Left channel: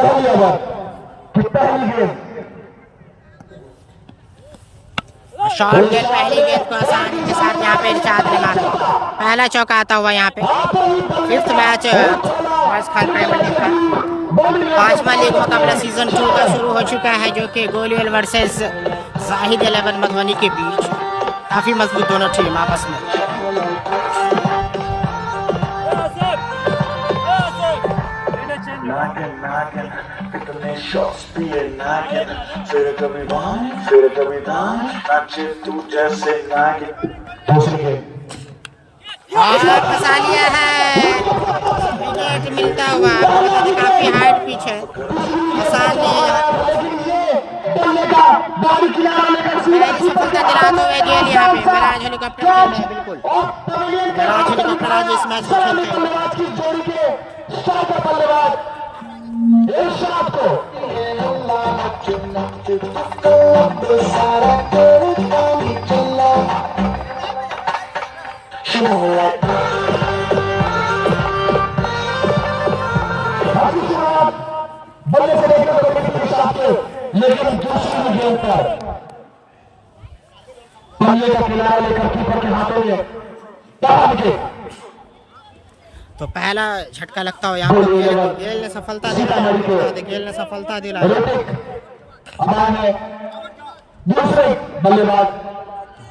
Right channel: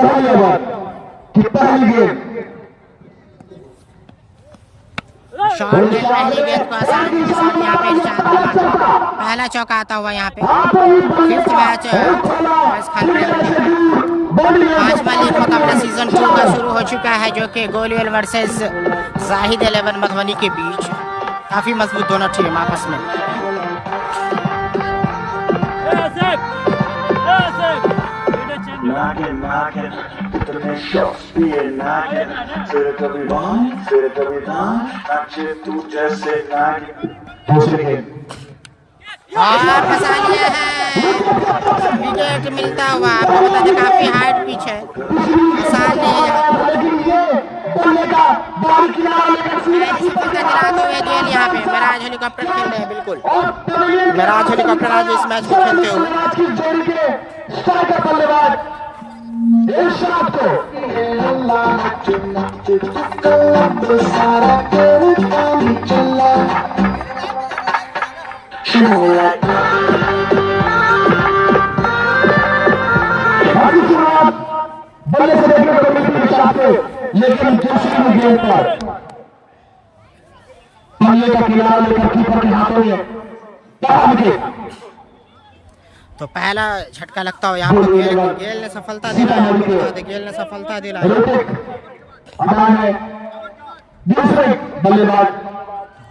पहली ओवर की पहली गेंद। शॉर्ट गेंद पहली गेंद को आसानी के साथ यहाँ पे इरशाद बना पहला चौका आता हुआ यहाँ पे। फिफ्थ मैच वैस खान प्रीमियर लीग का 5वां लीग मुकाबला सीजन 2 का शुरू हो चुका है, जो कि गोलवेल वर्सेस जाहिद 11 मधुबनी के बीच। काफी मजबूत दोनों टीम आपस में। और फंसा लिया है, विकेट मिलता हुआ। आपको बता दें काफी हार्ड पिच है, आसान नहीं है यहाँ गेल। यहाँ पे मेराज हेलीकॉप्टर खेल रहे हैं, बिल्कुल मेराज हेलीकॉप्टर आज इस मैच को खेलते हुए। बल्ले से देखने को मिलती है, लेकिन दूसरी गेंद पर बल्ले का किनारा लेकर कीपर के हाथों में पकड़ के तो पहला झटका लगता हो यहाँ पे। गेल ने सफलता दिलाया, बता दे गेल ने सफलता दिलाया। दूसरे बल्लेबाज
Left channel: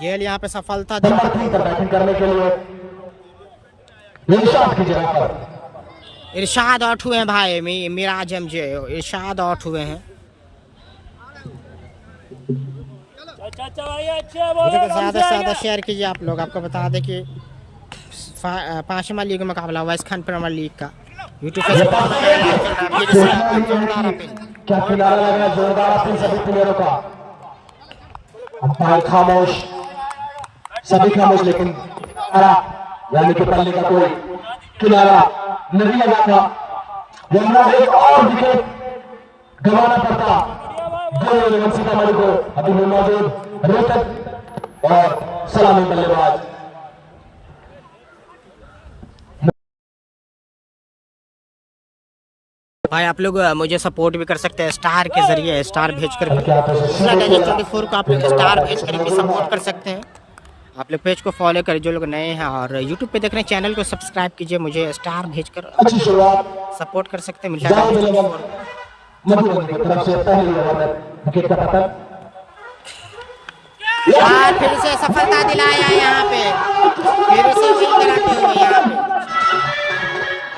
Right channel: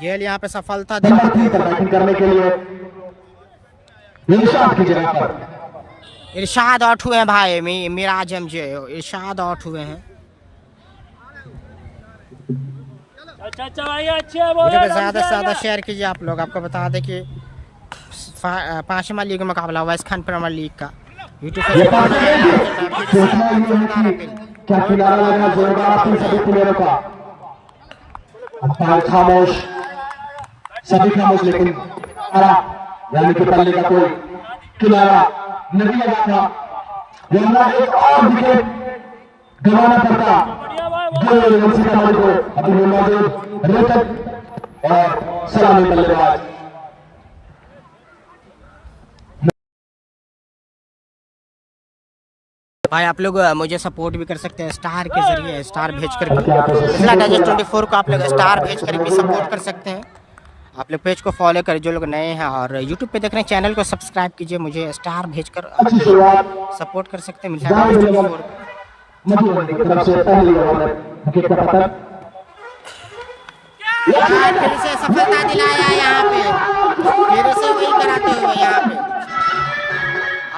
गेल यहाँ पे सफलता दिलाते बैटिंग करने के लिए इरशाद की जगह पर इरशाद आउट हुए हैं भाई। मिराज एमजे इरशाद आउट हुए हैं। वीडियो को ज़्यादा से ज़्यादा शेयर कीजिए आप लोग। आपको बता दें कि 5वां लीग मुकाबला वैस खान प्रीमियर लीग का यूट्यूब पे खामोश, सभी खामोश, लेकिन यानी कि पल्ले का कोई किनारा नहीं लगा था, वरना एक और विकेट गंवाना पड़ता सीतामढ़ी को। अभी मौजूद रोहतक और सलामी बल्लेबाज भाई। आप लोग मुझे सपोर्ट भी कर सकते हैं स्टार के जरिए, स्टार भेजकर मिथिला डाइजेस्ट 24 को आप लोग स्टार भेजकर भी सपोर्ट कर सकते हैं। आप लोग पेज को फॉलो करें जो लोग नए हैं, और यूट्यूब पे देख रहे हैं चैनल को सब्सक्राइब कीजिए। मुझे स्टार भेजकर सपोर्ट कर सकते हैं मिथिला डाइजेस्ट 24। फिर से सफलता दिलाया यहाँ पे, फिर से वही कराते हुए यहाँ पे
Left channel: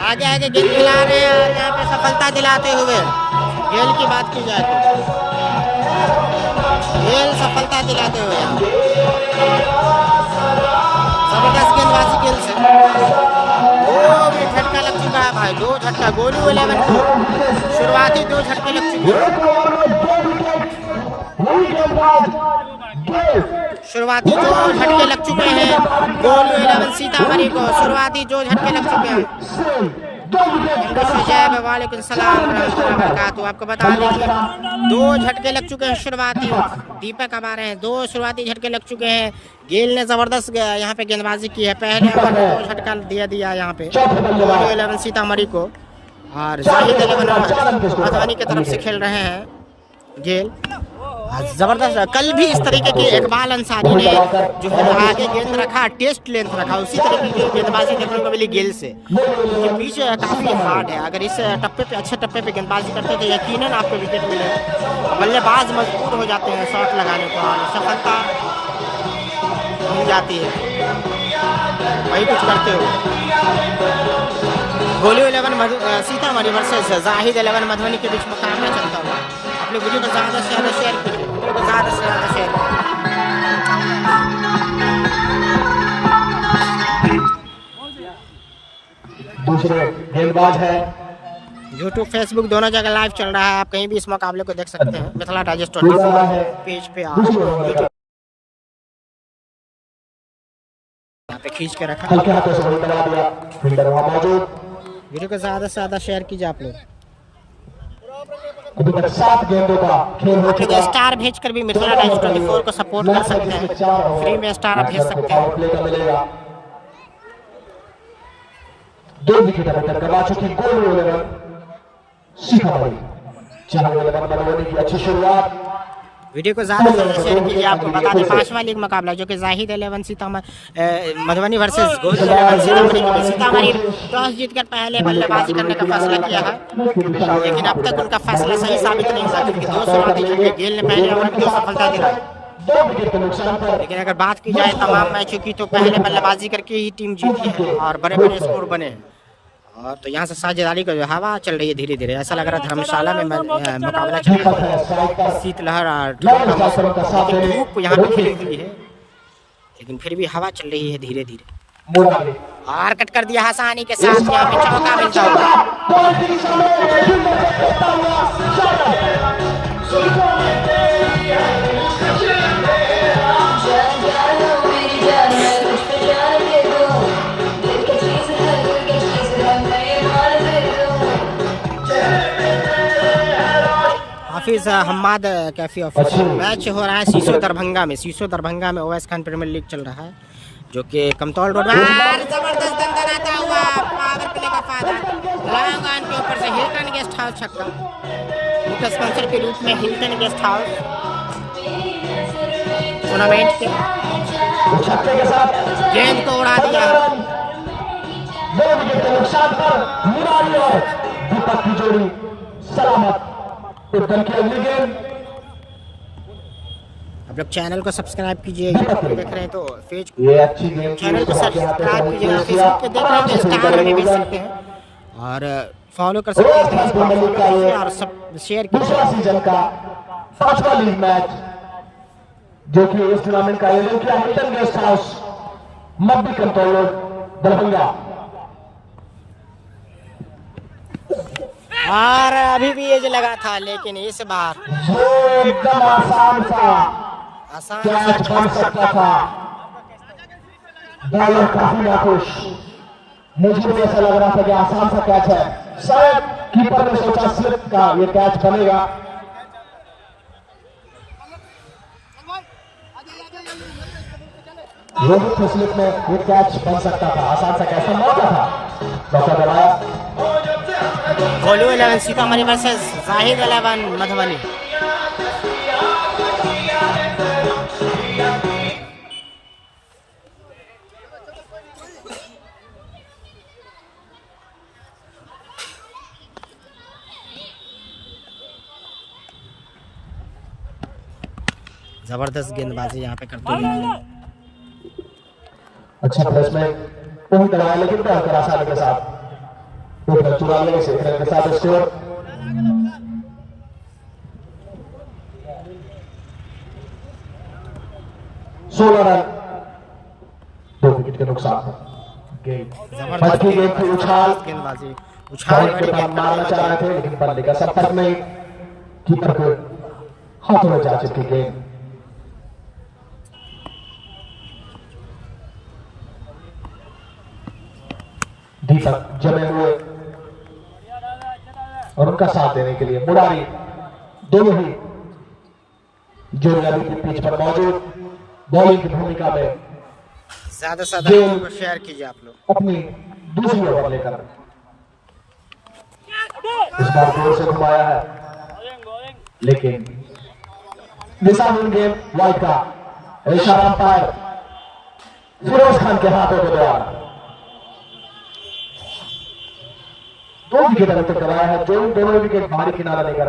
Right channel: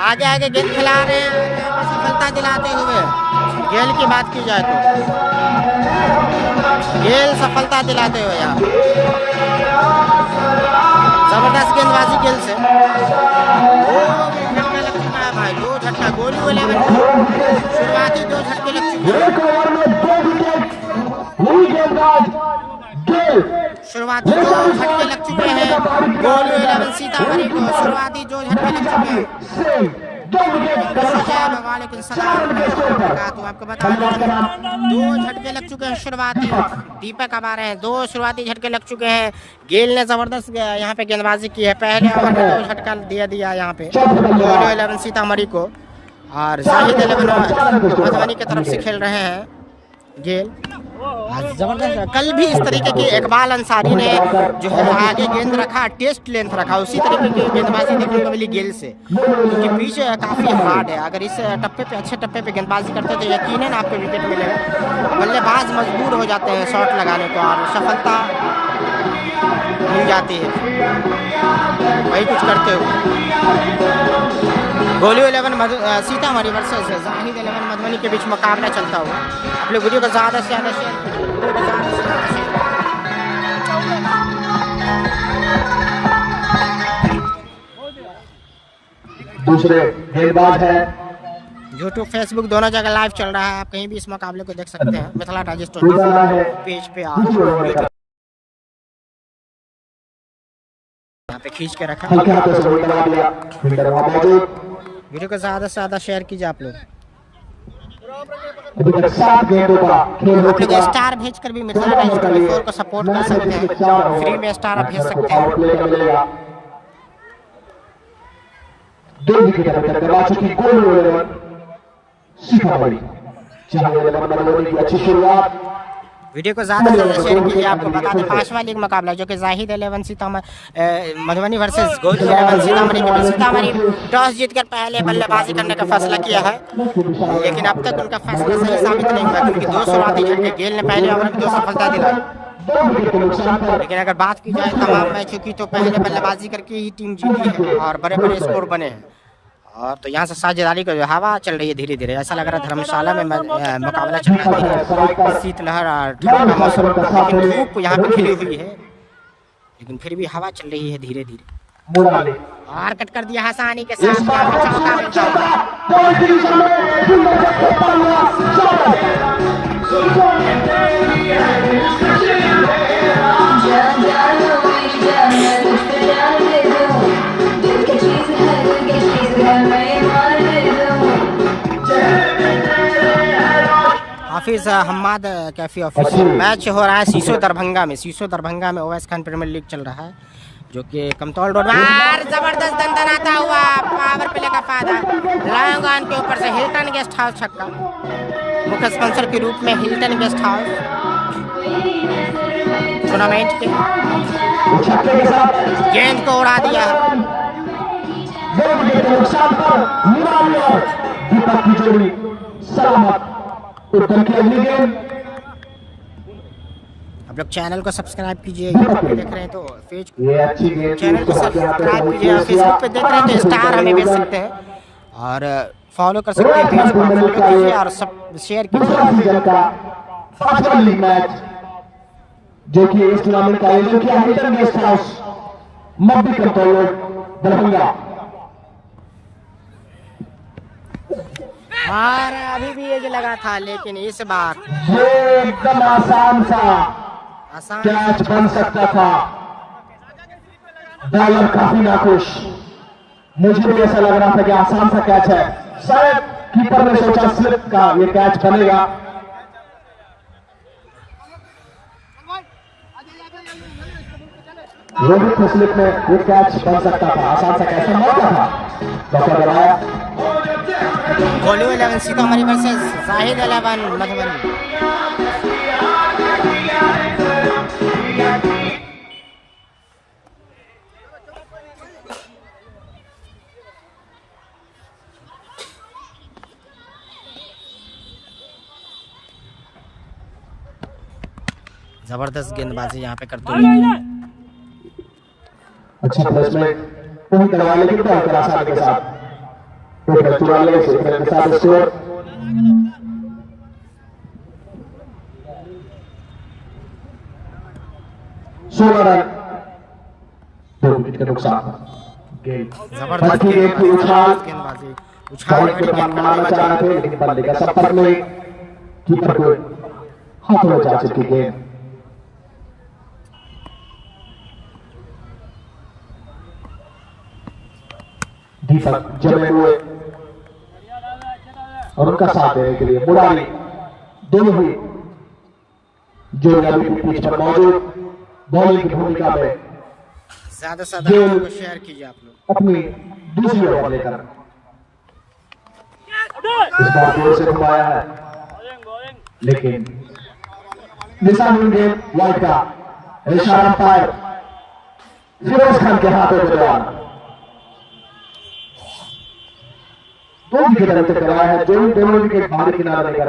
आगे आगे गेंद खिला रहे हैं, और यहाँ पे सफलता दिलाते हुए। गेल की बात की जाए तो गेल सफलता दिलाते हुए यहाँ पे जबरदस्त गेंदबाजी गेल से। वो झटका लग चुका है भाई, 2 झटका गोलू 11 को शुरुआती 2 झटके लग चुके हैं। शुरुआती 2 झटके लग चुके हैं गोलू 11 सीतामढ़ी को, शुरुआती 2 झटके लग चुके हैं। वालेकुम सलाम रहमतुल्लाहि। आपको बता दें कि 2 झटके लग चुके हैं शुरुआती। दीपक अब आ रहे हैं, 2 शुरुआती झटके लग चुके हैं। गेल ने जबरदस्त यहाँ पे गेंदबाजी की है, पहले ओवर में 2 झटका दिया यहाँ पे गोलू 11 सीतामढ़ी को, और जाहिद 11 मधुबनी की तरफ से खेल रहे हैं गेल। जबरदस्त कल भी इस तरीके की इकबाल अंसारी ने जो है आगे गेंद रखा, टेस्ट लेंथ रखा, उसी तरीके की गेंदबाजी देखने को मिली गेल से, क्योंकि पिच काफ़ी हार्ड है। अगर इस टप्पे पे अच्छे टप्पे पे गेंदबाजी करते तो यकीनन आपको विकेट मिलेगा। बल्लेबाज मजबूर हो जाते हैं शॉट लगाने को, और सफलता मिल जाती है वही कुछ करते हुए। गोलू 11 सीतामढ़ी वर्सेस जाहिद 11 मधुबनी के बीच मुकाबला चलता हुआ। आप लोग वीडियो को ज़्यादा से ज़्यादा शेयर कीजिए, वीडियो को ज़्यादा से ज़्यादा शेयर कीजिए। दूसरे गेंदबाज है यूट्यूब फेसबुक दोनों जगह लाइव चल रहा है, आप कहीं भी इस मुकाबले को देख सकते हैं। मिथिला डाइजेस्ट 24 पेज पे आज यूट्यूब यहाँ पे खींच के रखा। वीडियो को ज़्यादा से ज़्यादा शेयर कीजिए आप लोग। आप लोग स्टार भेजकर भी मिथिला डाइजेस्ट 24 को सपोर्ट कर सकते हैं, फ्री में स्टार आप भेज सकते हैं। 2 विकेट करवा चुकी गोलू 11 सीतामढ़ी। अच्छी शुरुआत। वीडियो को ज़्यादा से ज़्यादा शेयर कीजिए। आपको बता दें 5वां लीग मुकाबला जो कि जाहिद 11 सीतामढ़ी मधुबनी वर्सेस गोलू 11 सीतामढ़ी के बीच। सीतामढ़ी टॉस जीतकर पहले बल्लेबाजी करने का फैसला किया है, लेकिन अब तक उनका फैसला सही साबित नहीं हुआ क्योंकि 2 शुरुआती झटके गेल ने पहले ओवर में 2 सफलता दिलाई। लेकिन अगर बात की जाए तमाम मैचों की तो पहले बल्लेबाजी करके ही टीम जीती है और बड़े बड़े स्कोर बने हैं। और तो यहाँ से साझेदारी का जो हवा चल रही है धीरे धीरे, ऐसा लग रहा है धर्मशाला में मुकाबला चल रहा है, शीतलहर और ठंड का मौसम, लेकिन धूप यहाँ पे खिली हुई है, लेकिन फिर भी हवा चल रही है धीरे धीरे। और कट कर दिया आसानी के साथ, यहाँ पे चौका मिल जाएगा। हाफिज हम्माद कैफी ऑफिशियल मैच हो रहा है सीसो दरभंगा में। सीसो दरभंगा में ओवैस खान प्रीमियर लीग चल रहा है जो कि कमतौल रोड में। जबरदस्त दंदनाता हुआ पावर प्ले का फायदा लॉन्ग ऑन के ऊपर से हिल्टन गेस्ट हाउस छक्का। मुख्य स्पॉन्सर के रूप में हिल्टन गेस्ट हाउस टूर्नामेंट के गेंद को उड़ा दिया है। आप लोग चैनल को सब्सक्राइब कीजिए, यूट्यूब पे देख रहे हैं तो फेसबुक चैनल को सब्सक्राइब कीजिए, फेसबुक पे देख रहे हैं तो स्टार हमें भेज सकते हैं और फॉलो कर सकते हैं पेज को, फॉलो कीजिए और सब शेयर कीजिए। जो कि इस टूर्नामेंट का आयोजन किया Hilton guest house Mabbi control Darbhanga. और अभी भी एज लगा था, लेकिन इस बार एकदम आसान सा कैच बन सकता था। बॉलर काफी नाखुश, मुझे भी ऐसा लग रहा था कि आसान सा कैच है, शायद कीपर ने सोचा स्लिप का ये कैच बनेगा। रोहित के स्लिप में ये कैच बन सकता था, आसान सा कैच मौका था, मौका दबाया। गोलू 11 सीतामढ़ी वर्सेस जाहिद 11 मधुबनी। जबरदस्त गेंदबाजी यहाँ पे करते हुए। अच्छा प्लेसमेंट वही करवा, लेकिन बहुत आसानी के साथ 44 के साथ स्कोर। 16 रन, 2 विकेट के नुकसान। जबरदस्त गेंदबाजी, उछाल भरी गेंद करते हुए, लेकिन बल्ले का संपर्क में कीपर को हाथों में जा चुकी गेंद। दीपक जमे हुए और उनका साथ देने के लिए मुरारी दोनों ही जो अभी पिच पर मौजूद बॉलिंग की भूमिका में ज्यादा से ज्यादा शेयर कीजिए आप लोग। अपनी दूसरी ओवर लेकर इस बार जोर से घुमाया है, लेकिन निशान गेंद वाइड का इशारा अंपायर फिरोज खान के हाथों के द्वारा 2 विकेट अभी तक कराया है, जो दोनों विकेट बाहरी किनारा लेकर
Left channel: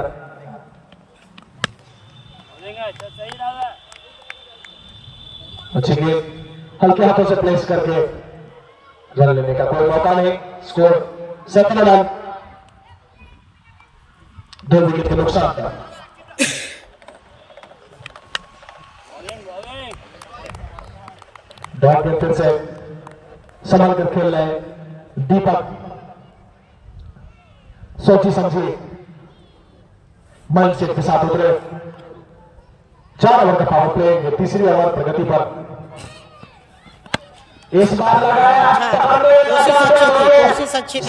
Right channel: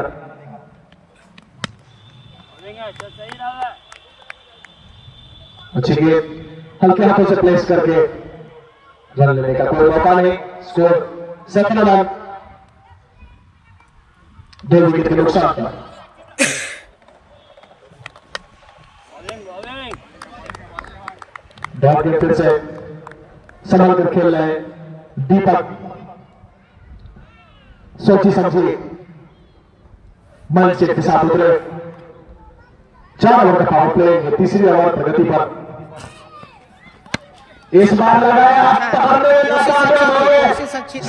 अच्छी गेंद हल्के हाथों से प्लेस करके रन लेने का कोई मौका नहीं। स्कोर 17 रन, 2 विकेट के नुकसान पर। बैट में फिर से संभल कर खेल रहे दीपक, सोची समझी माइंडसेट के साथ उतरे। 4 ओवर का पावर प्ले, तीसरी ओवर प्रगति पर। इस बार लगाया कोशिश अच्छी थी,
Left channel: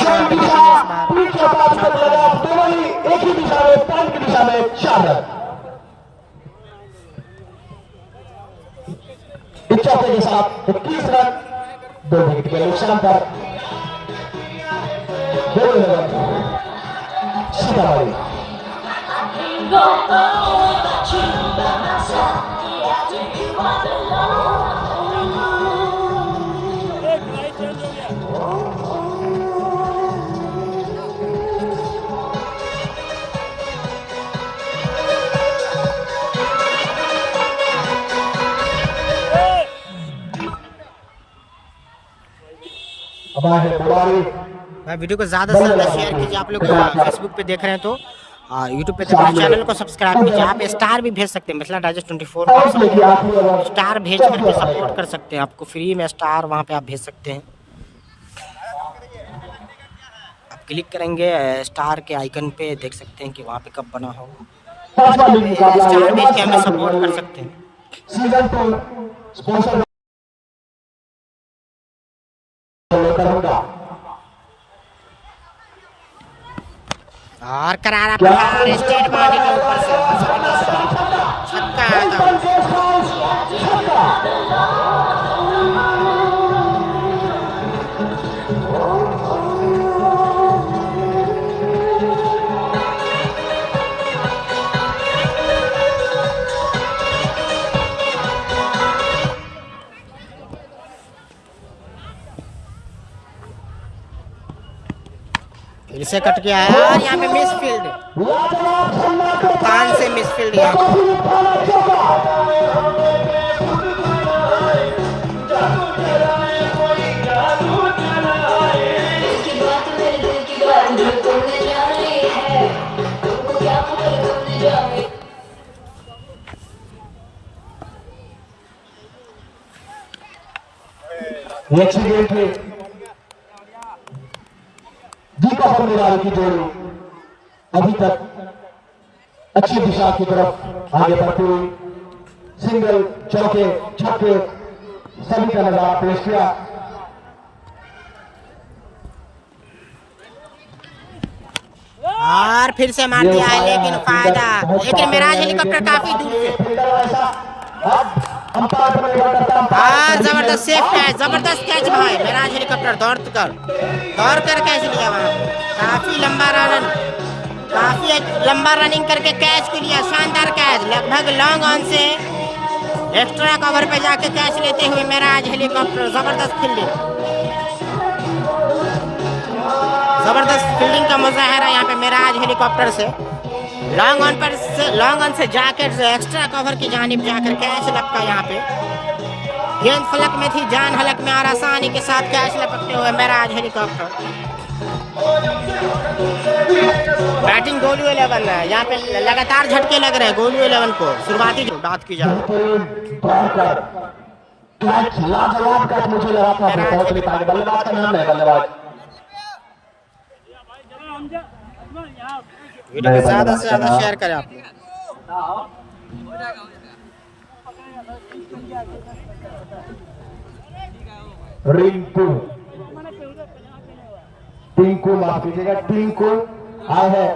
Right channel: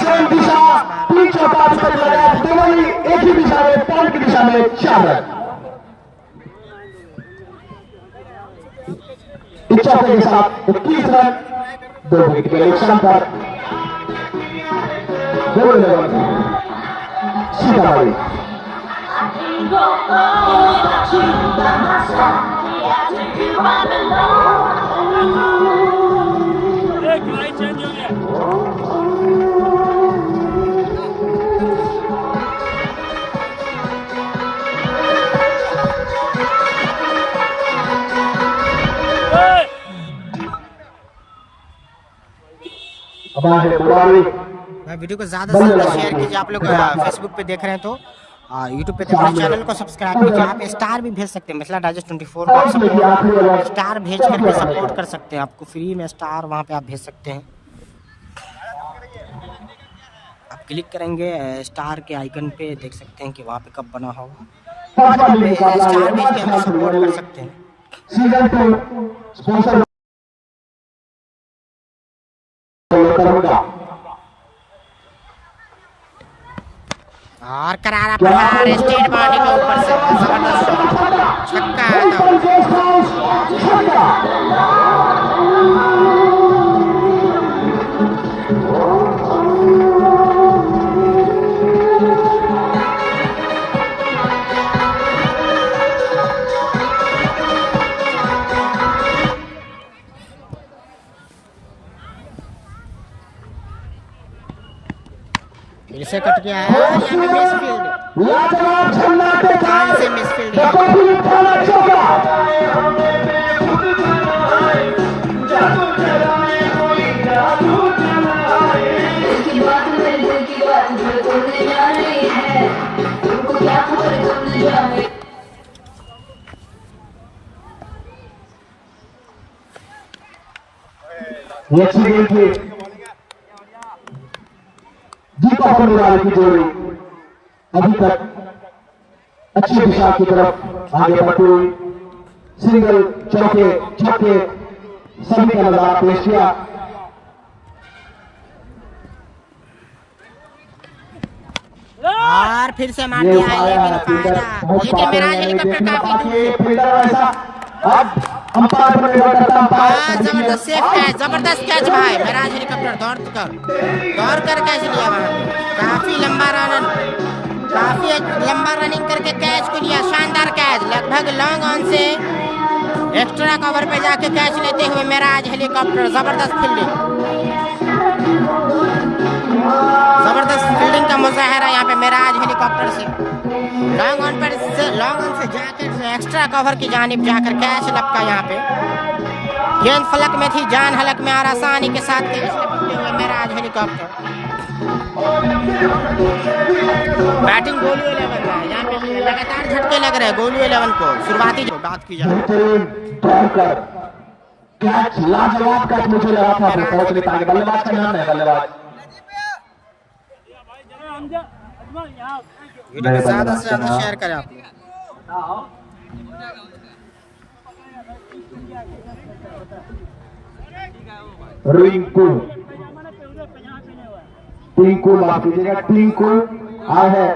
एक ही दिशा में, पॉइंट की दिशा में 4 रन। चौके के साथ 21 रन, 2 विकेट के नुकसान पर। सीतामढ़ी भाई वीडियो को ज़्यादा से ज़्यादा शेयर कीजिए। आप लोग फेसबुक पे देख रहे हैं तो यूट्यूब पे देख रहे हैं, चैनल को सब्सक्राइब कीजिए। आप स्टार भी भेज सकते हैं, मिथिला डाइजेस्ट 24 को आप सपोर्ट स्टार भेज करके सपोर्ट कर सकते हैं। आपको फ्री में स्टार वहाँ पे आप भेज सकते हैं। आप क्लिक करेंगे स्टार के आइकन पे, देख सकते हैं कि वहाँ पे कब बना होगा। स्टार भेज के हमें सपोर्ट कर सकते हैं। सीजन 2 स्पॉन्सर और करारा प्रहार स्टेट बाउंड्री के ऊपर से जबरदस्त शॉट, छक्का आता हुआ। फिर से कट के आया और यहाँ पे मिसफील्ड, कप्तान से मिसफील्ड यहाँ पे। नेक्स्ट गेम के दीपक और निराला की जोड़ी अभी तक अच्छी दिशा की तरफ आगे बढ़ती हुई सिंगल, चौके, छक्के सभी का नजारा पेश किया। और फिर से मार दिया है, लेकिन फायदा, लेकिन मिराज हेलीकॉप्टर काफी दूर से। और जबरदस्त सेफ कैच, जबरदस्त कैच भाई। मिराज हेलीकॉप्टर दौड़ कर कैच लिया वहां पे। काफी लंबा रनिंग करके कैच को लिया। शानदार कैच, लगभग लॉन्ग ऑन से एक्स्ट्रा कवर पे जाके कैच लेते हुए मिराज हेलीकॉप्टर। जबरदस्त फील्डिंग का मुजाहरा यहाँ पे मिराज हेलीकॉप्टर से। लॉन्ग ऑन से जाकर एक्स्ट्रा कवर की जानिब जाकर कैच लपका। यहाँ पे गेंद फलक में थी, जान हलक में, और आसानी के साथ कैच लपकते हुए मिराज हेलीकॉप्टर। बैटिंग गोलू 11 है यहाँ पे, लगातार झटके लग रहे हैं गोलू 11 को। शुरुआती जो बात की जाए वीडियो को ज्यादा से ज्यादा शेयर करें आप लोग। टिंकू माफ कीजिएगा, टिंकू आए हैं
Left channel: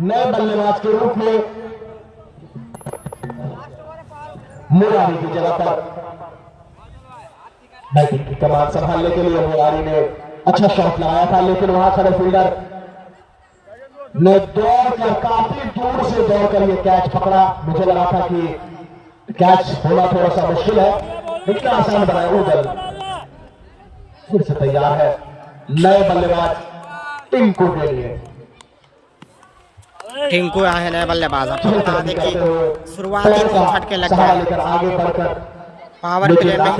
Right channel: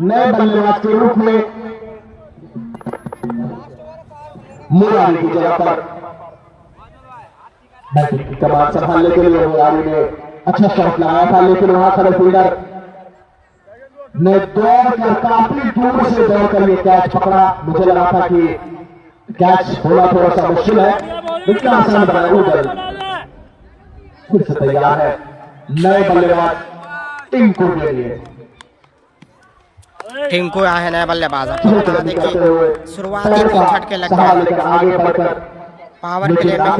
नए बल्लेबाज के रूप में मुरारी की जगह पर। बैटिंग की कमान संभालने के लिए मुरारी ने अच्छा शॉट लगाया था, लेकिन वहां खड़े फील्डर ने दौड़कर काफी दूर से दौड़कर ये कैच पकड़ा। मुझे लगा था कि कैच होना थोड़ा सा मुश्किल है, इतना आसान बनाया। उधर फिर से तैयार है नए बल्लेबाज टिंकू के लिए। टिंकू आए हैं नए बल्लेबाज। आपको बता दें कि शुरुआती 3 झटके लग गए। आगे बढ़कर पावर प्ले में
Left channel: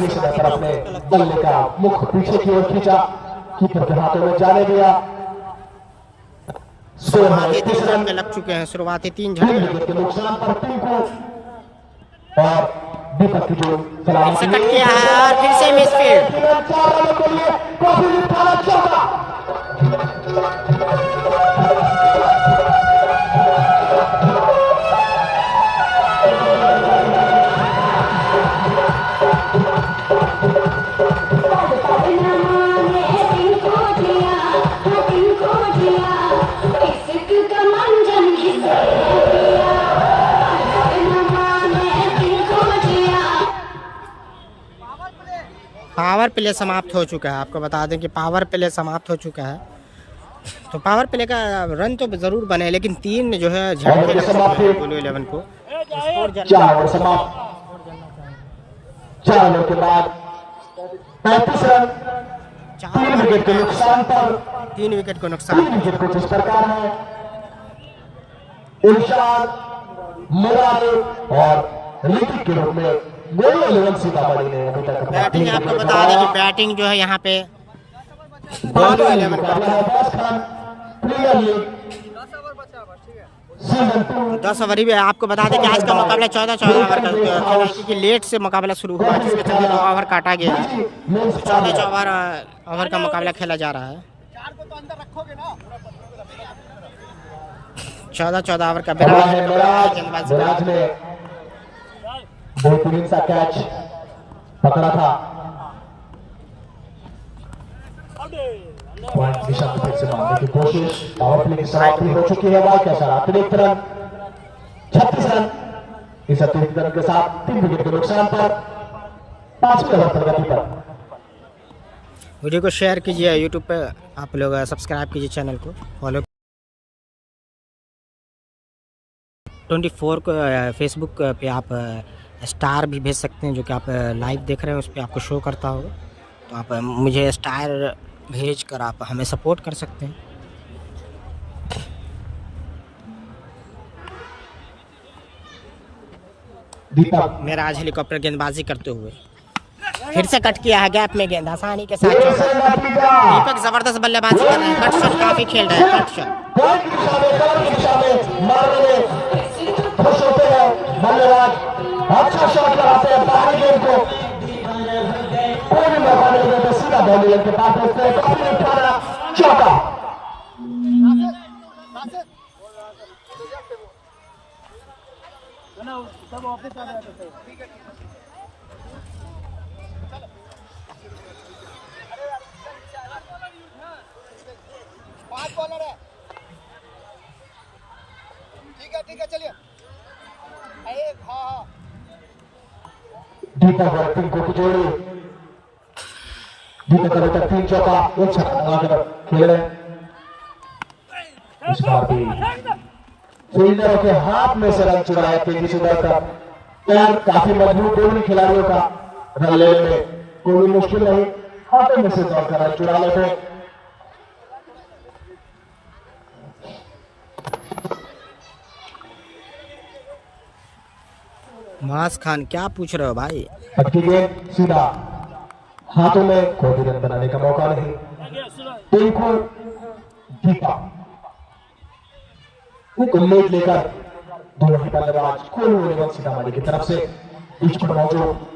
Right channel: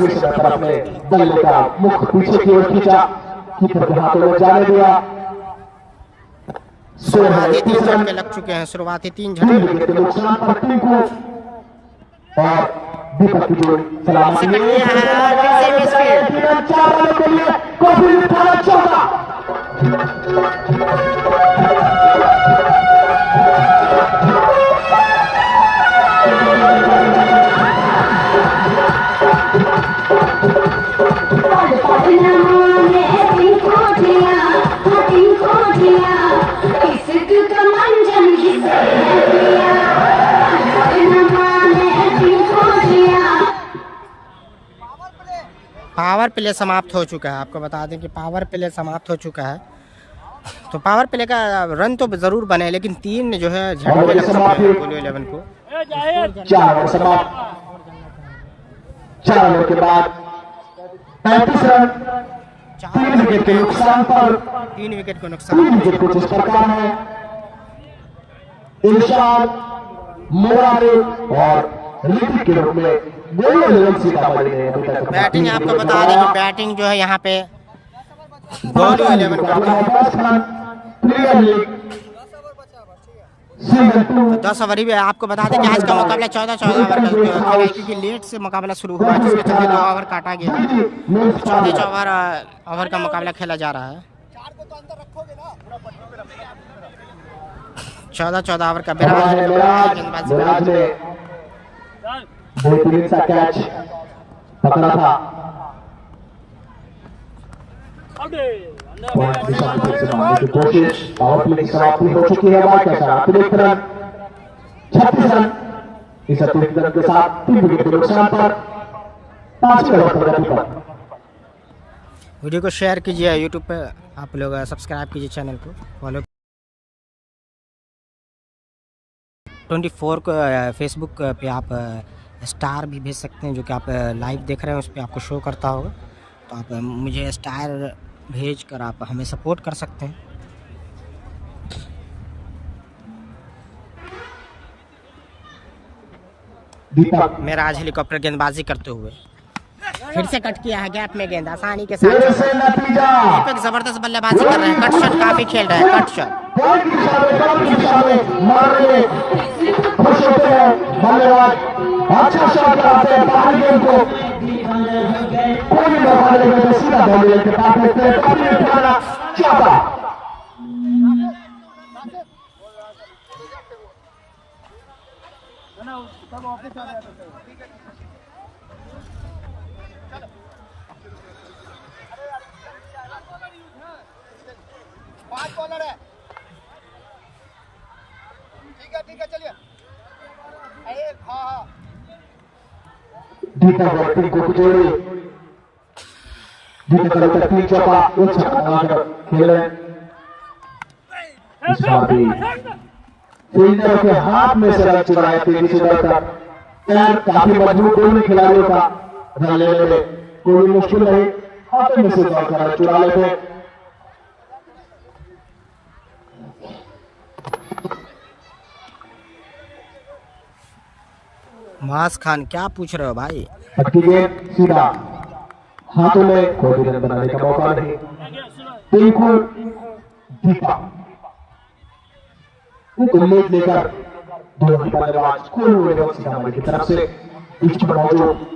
बल्ले का मुख पीछे की ओर खींचा, कीपर के हाथों में जाने दिया। शुरुआती 3 झटके लग चुके हैं। शुरुआती 3 झटके लग चुके नुकसान पर टिंकू और दीपक की जोड़ी सलामी हैं। फिर से मिसफील्ड। पावर प्ले समाप्त हो चुका है। आपको बता दें कि पावर प्ले समाप्त हो चुका है तो पावर प्ले का रन तो जरूर बने, लेकिन 3 जो है झटके लग चुके हैं गोलू 11 को। 4 ओवर समाप्त। 4 ओवर के बाद 35 रन, 4 3 विकेट के नुकसान पर 3 विकेट को 3 नुकसान। विकेट को जिस प्रकार है इरशाद, मुराद और ऋतिक के रूप में गोलू 11 सीतामढ़ी ने अभी तक बैटिंग आपको बता दें कि बैटिंग जो है यहाँ पे गोलू 11 करते हैं। तो 10 ओवर ही आपको बता दें कि आज का मुकाबला 14 ओवर का खेला है, क्योंकि लेट से मुकाबला शुरू हुआ है, जिसके चलते 2 ओवर काटा गया है। तो 14 ओवर का मुकाबला खेला जा रहा है। 14 ओवर का बिराज गेंदबाजी कर रहा है। बेहतरीन सा कैच पकड़ा था। की कोशिश, पावर प्ले की समाप्ति हो चुकी है। कैसा अतिरिक्त रन, 36 रन। इस अतिरिक्त रन के साथ 3 विकेट के नुकसान पर 5 ओवर प्रगति पर। वीडियो को शेयर कीजिए, यूट्यूब पे आप लोग सब्सक्राइब कीजिए, चैनल को फॉलो। 24 को फेसबुक पे आप स्टार भी भेज सकते हैं, जो कि आप लाइव देख रहे हैं उस पर आपको शो करता होगा। तो आप मुझे स्टार भेज कर आप हमें सपोर्ट कर सकते हैं। दीपक मेरा आज हेलीकॉप्टर गेंदबाजी करते हुए फिर से कट किया है गैप में गेंद आसानी के साथ। दीपक जबरदस्त बल्लेबाजी कर रहे हैं, कट शॉट काफी खेल रहे हैं, कट शॉट। अच्छा शॉट कराते हैं, बाहर गेंद को कोई मौका नहीं देते, सीधा बॉल के पास लेते हैं। काफी अच्छा चौका। ठीक है चलिए। दीपक बैटिंग को जोड़े, दीपक का 3 चौका, 1 छक्का लगाकर खेल रहे हैं। इस बार भी फील्डर के हाथ में से रन चुराए, तेजी से दौड़कर पैर काफी मजबूत दोनों खिलाड़ियों का। रन लेने में कोई मुश्किल नहीं, हाथों में से दौड़कर रन चुरा लेते। मास खान क्या पूछ रहे हो भाई? गेंद सीधा हाथों में, कोई रन बनाने का मौका नहीं। टिंकू दीपा उल्लेख लेकर दोनों बल्लेबाज गोलू 11 सीतामढ़ी की तरफ से पिच पर मौजूद।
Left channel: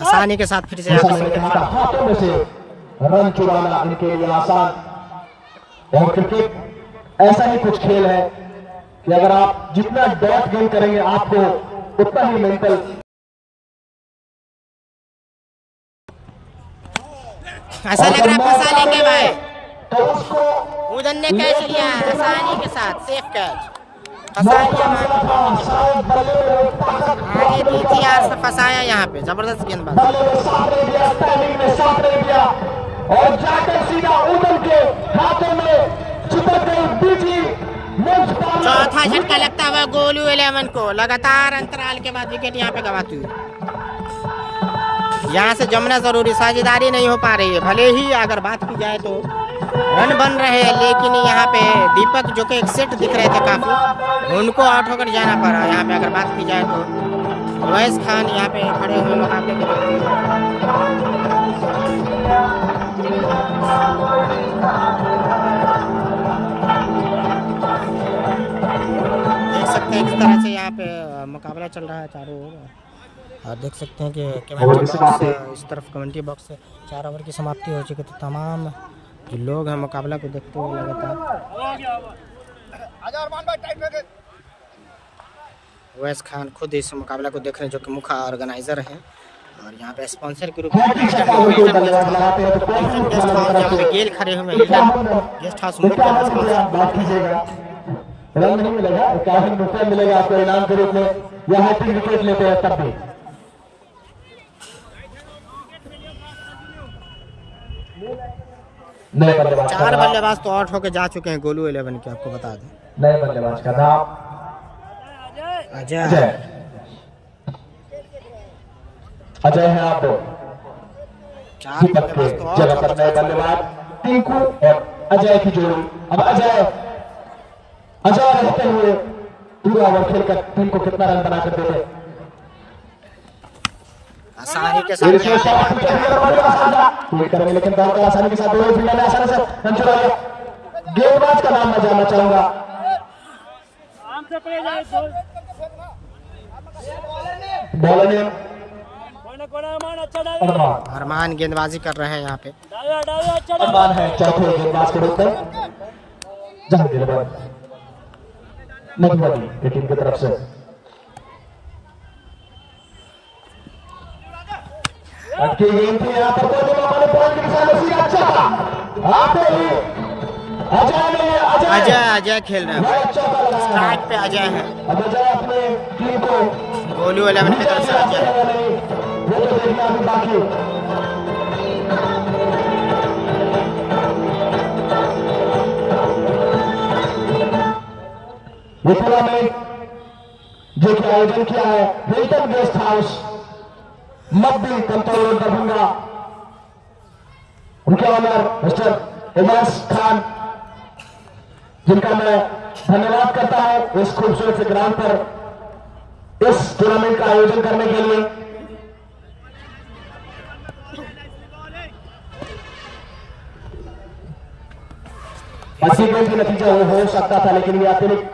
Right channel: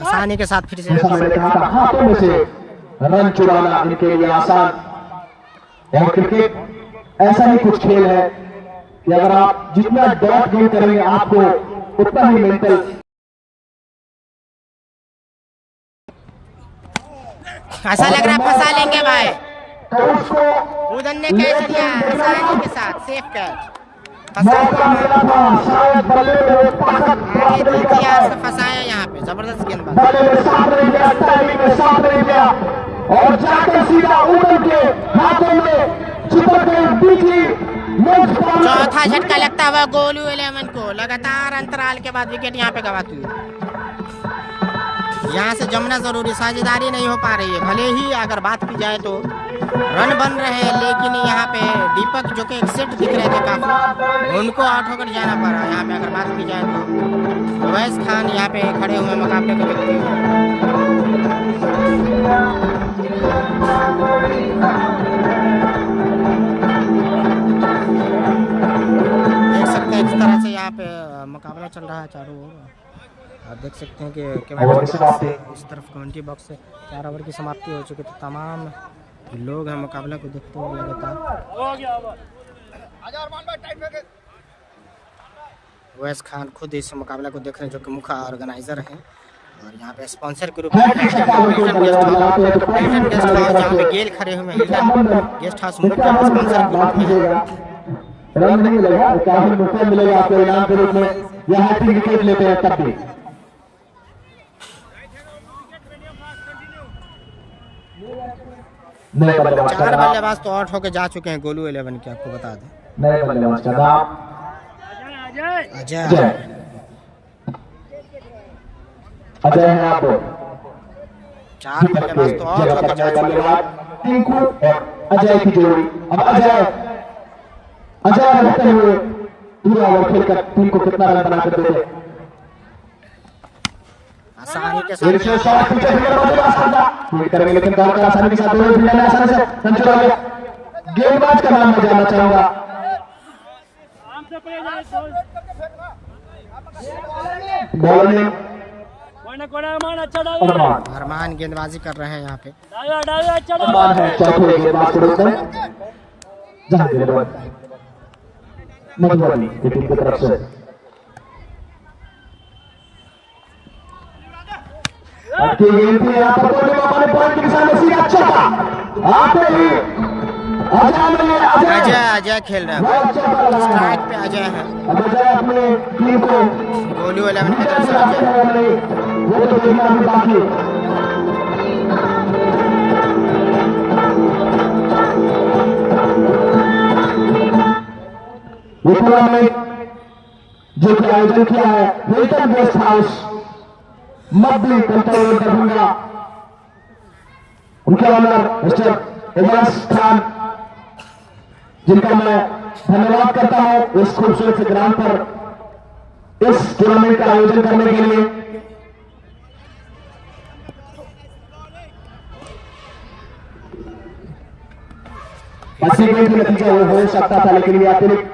आसानी के साथ फिर से हाथों में से रन चुराना इनके लिए आसान। और क्रिकेट ऐसा ही कुछ खेल है कि अगर आप जितना डॉट गेम करेंगे आपको उतना ही मेंटल। ऐसा लग रहा है फंसा लेंगे भाई। तो उसको उधर ने कैच लिया आसानी के साथ, सेफ कैच। फंसाया यहाँ पे, जबरदस्त गेंदबाज। और जाकर सीधा उधर के हाथों में चिपक गए बीजी। चौथा झटका लगता हुआ गोलू 11 को, लगातार अंतराल के बाद विकेट यहाँ पे गवाती हुई। यहाँ से जमना जरूरी, साझेदारी नहीं हो पा रही है। भले ही अगर बात की जाए तो रन बन रहे हैं, लेकिन यहाँ पे दीपक जो कि एक सेट दिख रहे थे काफी, उनको आउट होकर जाना पड़ा। यहाँ पे अगर बात की जाए तो उवैस खान यहाँ पे खड़े हुए मुकाबले को देखते हुए। देख सकते हैं किस तरह से यहाँ पे मुकाबला चल रहा है चारों ओर। आप देख सकते हैं कि इस तरफ कमेंट्री बॉक्स से 4 ओवर की समाप्ति हो चुकी है। तो तमाम जो लोग हैं मुकाबला को देखते हुए लगातार। उवैस खान खुद इस मुकाबला को देख रहे हैं, जो कि मुख्य ऑर्गेनाइजर हैं। और यहाँ पे sponsor group Hilton guest house, जहाँ पे गेल खड़े हुए हैं, हिल्टन गेस्ट हाउस मुख्य स्पॉन्सर ग्रुप। रन नहीं मिलेगा, काफी नुकसान मिलेगा आपको इनाम के रूप में। यहाँ 3 विकेट लेते हैं तब भी। नए बल्लेबाज 4 बल्लेबाज तो आउट होके जा चुके हैं गोलू 11 के, आपको बता दें। नए बल्लेबाज का नाम अजय। अजय है आप 4 बल्लेबाज तो आउट होके जा चुके हैं। टिंकू और अजय की जोड़ी। अब अजय रहते हुए पूरा ओवर खेलकर टीम को कितना रन बनाकर देते। आसानी के साथ फील्ड करेंगे, लेकिन बॉल का आसानी के साथ दोनों फील्डर ने आसानी से रन चुरा लिया। गेंदबाज का नाम मैं जानना चाहूंगा। बॉलर ने अरमान गेंदबाजी कर रहे हैं यहाँ पे। अरमान है चौथे गेंदबाज के रूप में, जहां गेंदबाज नगवाली की टीम की तरफ से। अटकी गेंद थी यहाँ पर, पॉइंट के साथ सीधा चौका आते ही अजय खेल रहे हैं। स्ट्राइक पे अजय है। अब अजय अपने टीम को गोलू 11 की तरफ से अजय। वो तो देखना अभी बाकी। ये टूर्नामेंट जो कि आयोजन किया है हिल्टन गेस्ट हाउस मध्य कंट्रोल दरभंगा, उनके ऑनर मिस्टर एजाज खान, जिनका मैं धन्यवाद करता हूं इस खूबसूरत से ग्राउंड पर इस टूर्नामेंट का आयोजन करने के लिए। अच्छी गेम के नतीजा वो हो सकता था, लेकिन ये अतिरिक्त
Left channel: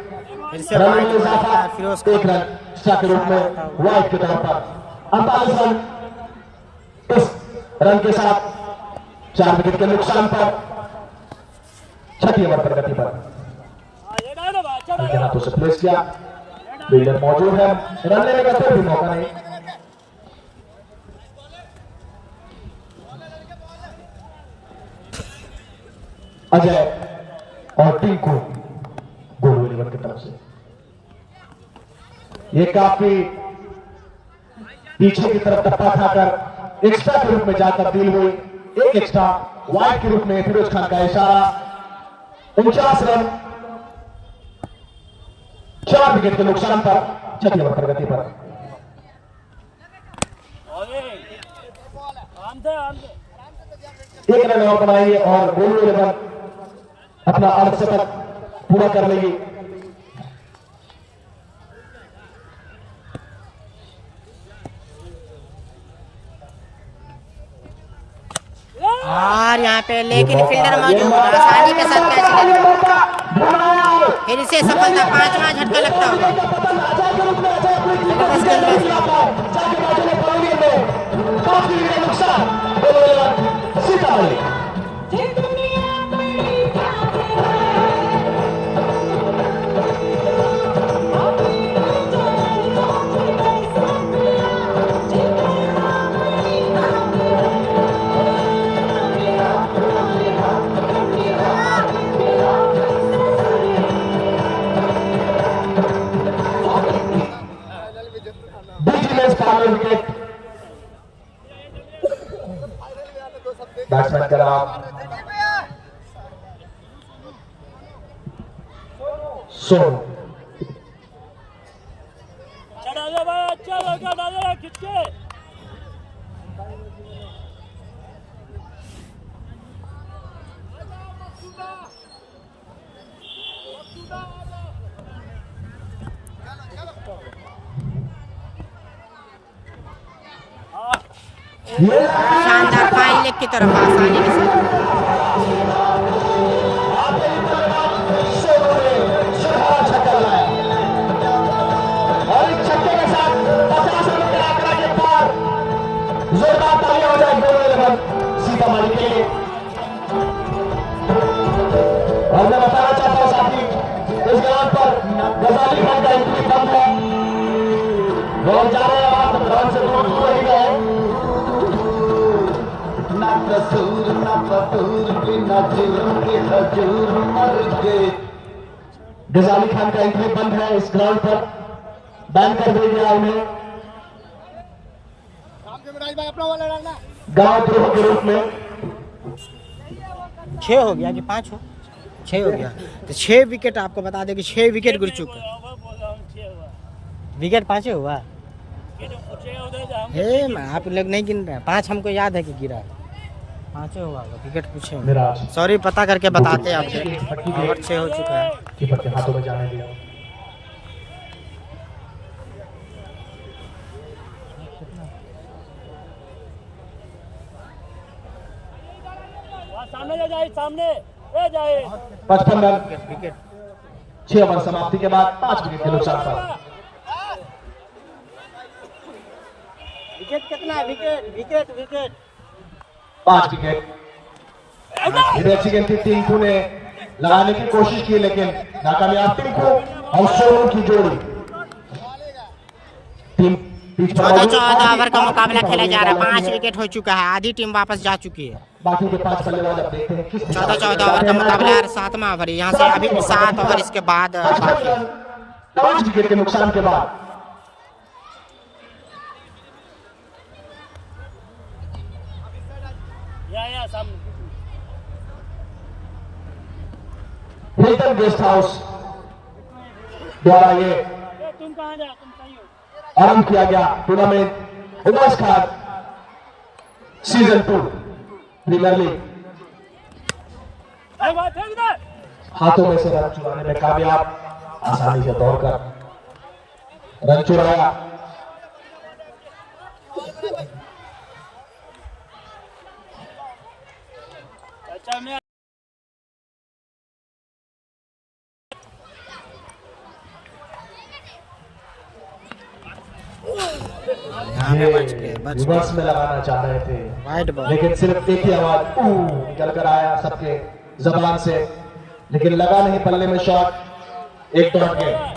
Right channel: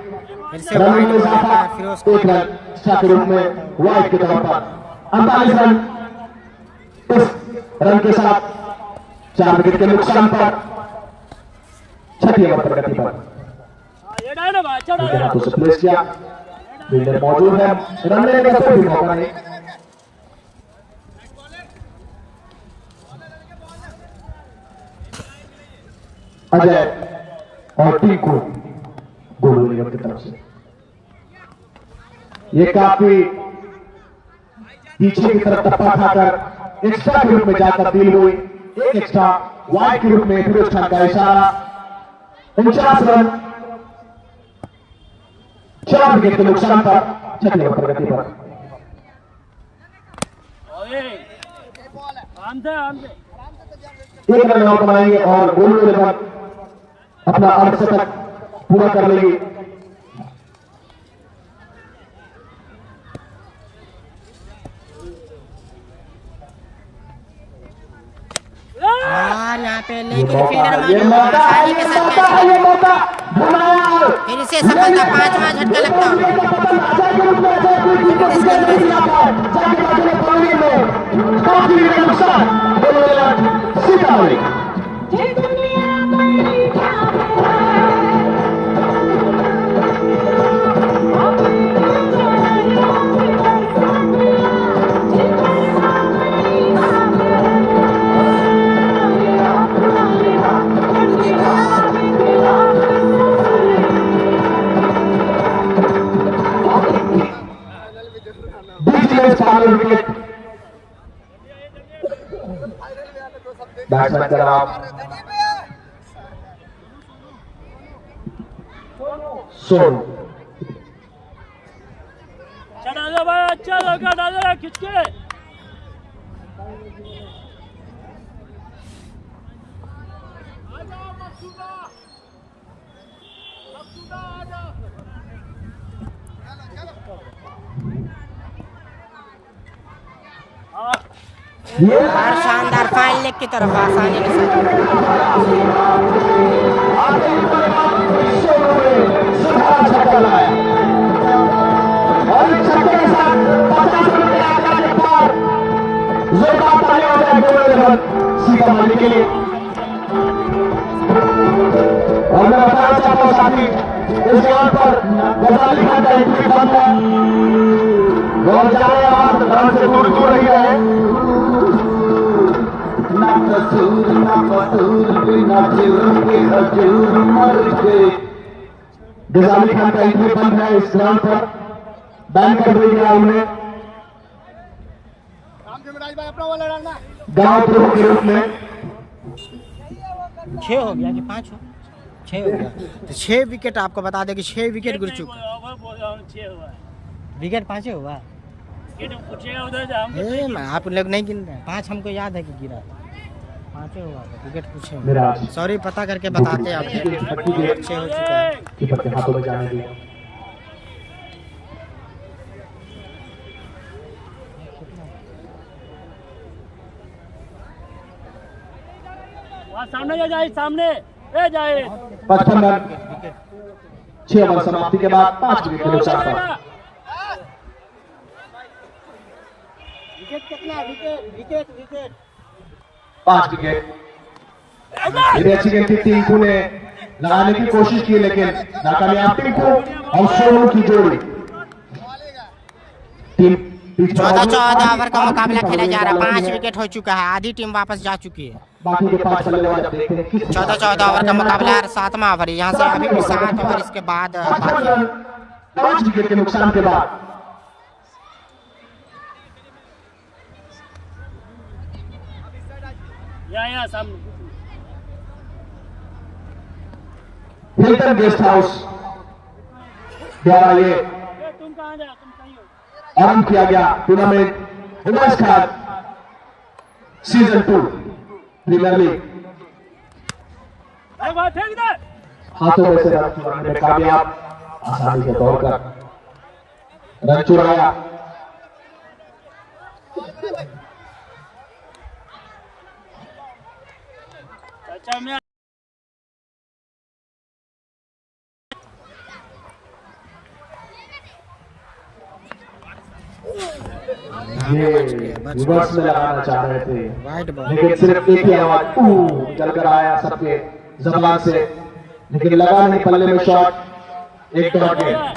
फिर से वाइड बॉल लेता है फिरोज एक रन के रूप में वाइड के तौर पर 48 रन। इस रन के साथ 4 विकेट के नुकसान पर 6 ओवर प्रगति पर हाथों से प्लेस किया। फील्डर मौजूद है, रन लेने का कोई भी मौका नहीं। अजय और टिंकू गोलू निगम की तरफ से ये काफी पीछे की तरफ टप्पा खाकर एक्स्ट्रा के रूप में जाकर डील हुई। एक एक्स्ट्रा वाइड के रूप में फिरोज खान का इशारा। 49 रन 4 विकेट के नुकसान पर 6 ओवर प्रगति पर। एक रन और बनाएंगे और गोलू 11 अपना अर्धशतक पूरा कर लेगी। और यहाँ पे लेकिन फील्डर मौजूद है, आसानी के साथ कैच। फिर इसे सफलता, 5वां झटका लगता होगा। जबरदस्त गेंदबाजी। विकेट बैट्समैन का नाम सोनू। अच्छा लगा डालो खिंच के। शानदार फाइन लेग की तरफ आसानी के साथ। सीतामढ़ी के लिए और मैं बताना चाहता हूँ साथी, इस जगह पर गजाली खान का एंट्री बंद है। लोग जा रहे हैं आप ग्राउंड से दूर दूर रह गए। ना कसूर ना कसूर बिना जीवन के हजूर मर गए। गजाली खान का एंट्री बंद है इस ग्राउंड पर, बैन कर दिया गया उन्हें गांव द्रोह के रूप में। 6 हो गया कि 5 हो, 6 हो गया। तो 6 विकेट आपको बता दें कि 6 विकेट गिर चुका है। विकेट 5 हुआ। आप लोग नहीं गिन रहे हैं, 5 हमको याद है कि गिरा 5 हुआ विकेट पूछे। सॉरी, पता करके बताते हैं आपको। ओवर 6 हो चुका है। कीपर के हाथों में जाने दिया। सामने जाए, सामने जाए। 55 रन 6 ओवर समाप्ति के बाद 5 विकेट के नुकसान पर। विकेट कितना? Wicket 5 wicket. अच्छी गेंद थी, टिंकू ने लगाने की कोशिश की लेकिन नाकामयाब। टिंकू और सोनू की जोड़ी। 14 ओवर का मुकाबला खेला जा रहा है। 5 विकेट हो चुका है, आधी टीम वापस जा चुकी है। बाकी के 5 बल्लेबाज अब देखते हैं किस 14 ओवर का मुकाबला है, 7वां ओवर। यहाँ से अभी भी 7 ओवर इसके बाद बाकी है। 5 विकेट के नुकसान के बाद या सामने। हिल्टन गेस्ट हाउस द्वारा ये तुम कहाँ जा, तुम सही हो। आरंभ किया गया tournament Umesh Khan season 2 premier league. फेंक दे। हाथों में से रन चुराने में कामयाब, आसानी से दौड़कर रन चुराया। अच्छा मैं यहाँ पे बच गए, रिवर्स में लगाना चाह रहे थे वाइड बॉल। लेकिन सिर्फ एक ही आवाज निकल कर आया सबके जबान से, लेकिन लगा नहीं पल्ले में शॉट। एक डॉट गेंद,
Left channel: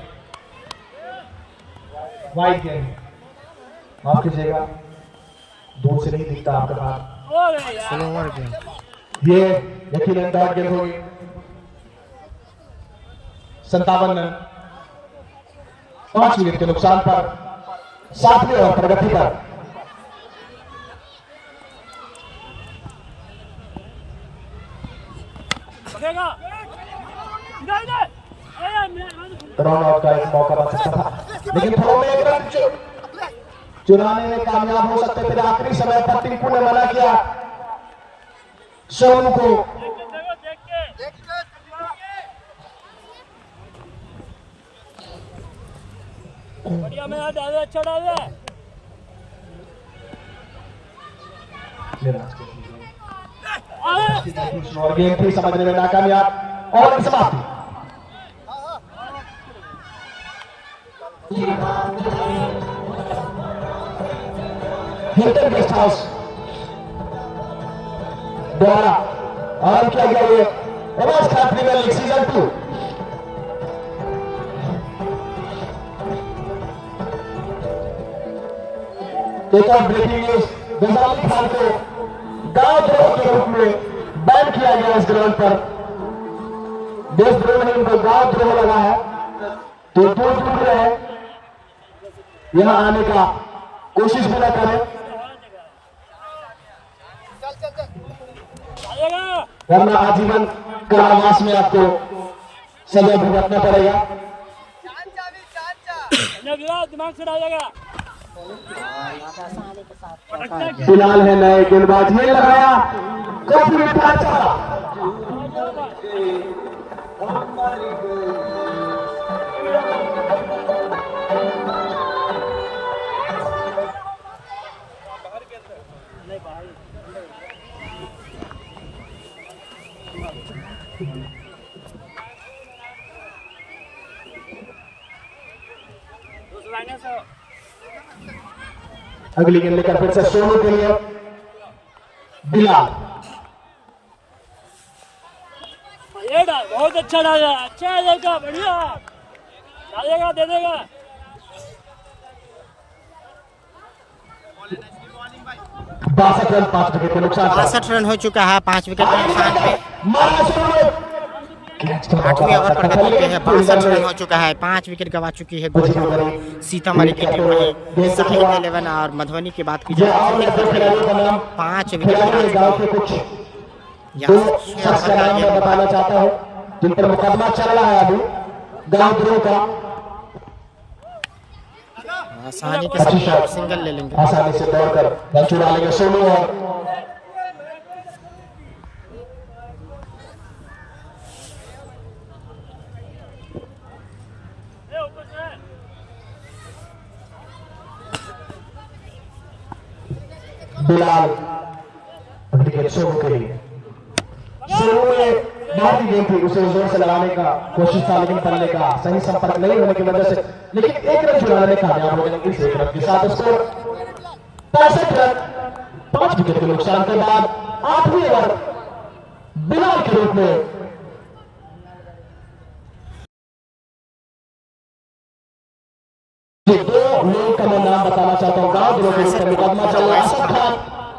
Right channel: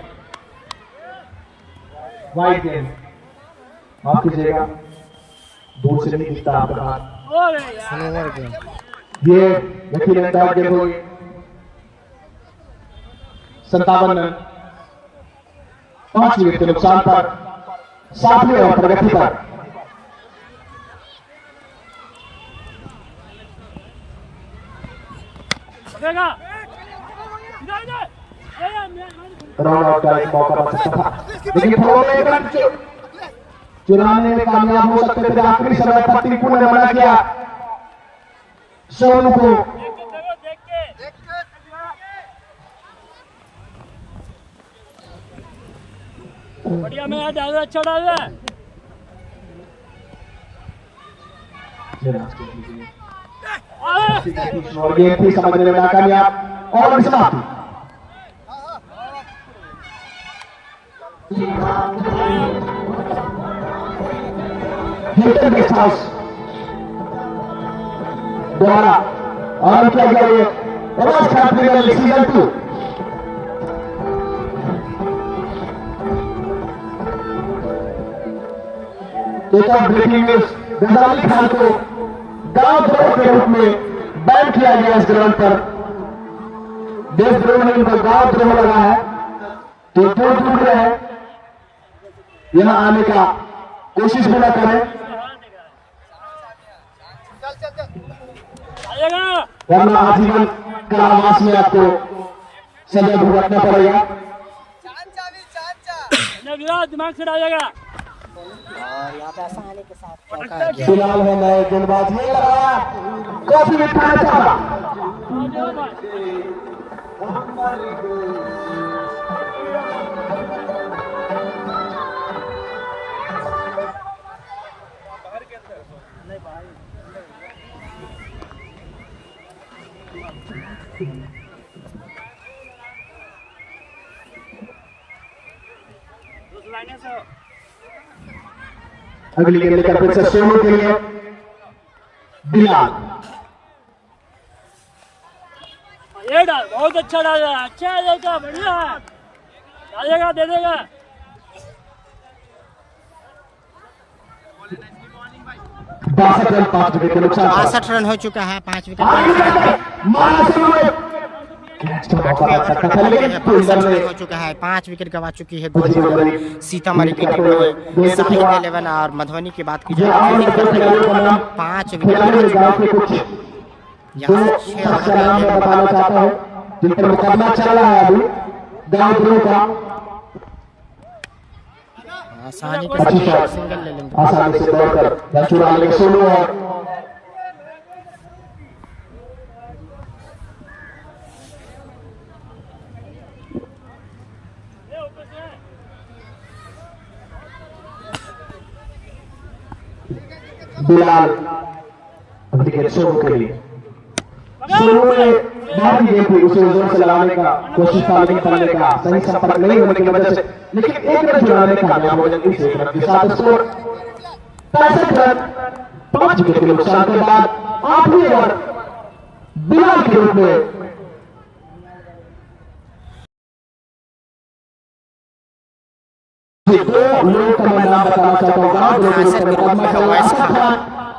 वाइड गेंद। माफ कीजिएगा, दूर से नहीं दिखता आपका हाथ। Slower game. ये यकीनन डॉट गेंद होगी। 57 रन 5 विकेट के नुकसान पर 7वें ओवर प्रगति पर। रन आउट का एक मौका बन सकता था, लेकिन थोड़ा एक रन चुराने में कामयाब हो सकते थे। आखिरी समय पर टिंकू ने मना किया सोनू को। बढ़िया में डाल, अच्छा डाल रहा है। और गेम थी समझने में नाकामयाब और समाप्ति। हिल्टन गेस्ट हाउस द्वारा आरंभ किया गया ये Umesh Khan premier league season 2। एक और ब्रेकिंग न्यूज, गजाली खान को गांव के रूप में बैन किया गया इस ग्राउंड पर। देशद्रोह में इनको गांव द्रोह लगा है, तो दूर दूर रहे, यहां आने का कोशिश भी न करें, वरना आजीवन कारावास में आपको सजा भुगतना पड़ेगा। दिमाग से डालेगा। फिलहाल है नए गेंदबाज, ये लगाया काफी उठाना चाहा। अगली गेंद लेकर फिर से सोनू के लिए बिलाल। बहुत अच्छा डाला, अच्छा लड़का, बढ़िया है, डालेगा, दे देगा। 62 रन 5 विकेट के नुकसान। 62 रन हो चुका है 5 विकेट के नुकसान पे। 8वें ओवर पर बदल गए हैं। 62 रन हो चुका है, 5 विकेट गवा चुकी है गोलू सीतामढ़ी की टीम। वहीं साहिल 11 और मधुबनी की बात की जाए तो फील्डिंग करने में 5 विकेट गिरा चुका है। यहाँ से 6 ओवर का गेम बताना चाहता हूँ जिन पर मुकदमा चल रहा है अभी गाँव का, आसानी के साथ और सिंगल ले लेंगे। आसानी से दौड़कर रन चुरा लेंगे सोनू है। बिलाल विकेट सोनू के लिए। सोनू ने बहुत ही गेम थी, उसे जोर से लगाने का कोशिश था लेकिन पल्ले का सही संपर्क नहीं होने की वजह से, लेकिन एक रन चुराने में कामयाब हो जल्दी से 1 रन के साथ स्कोर 65 रन। 5 विकेट के नुकसान के बाद 8वें ओवर बिलाल के रूप में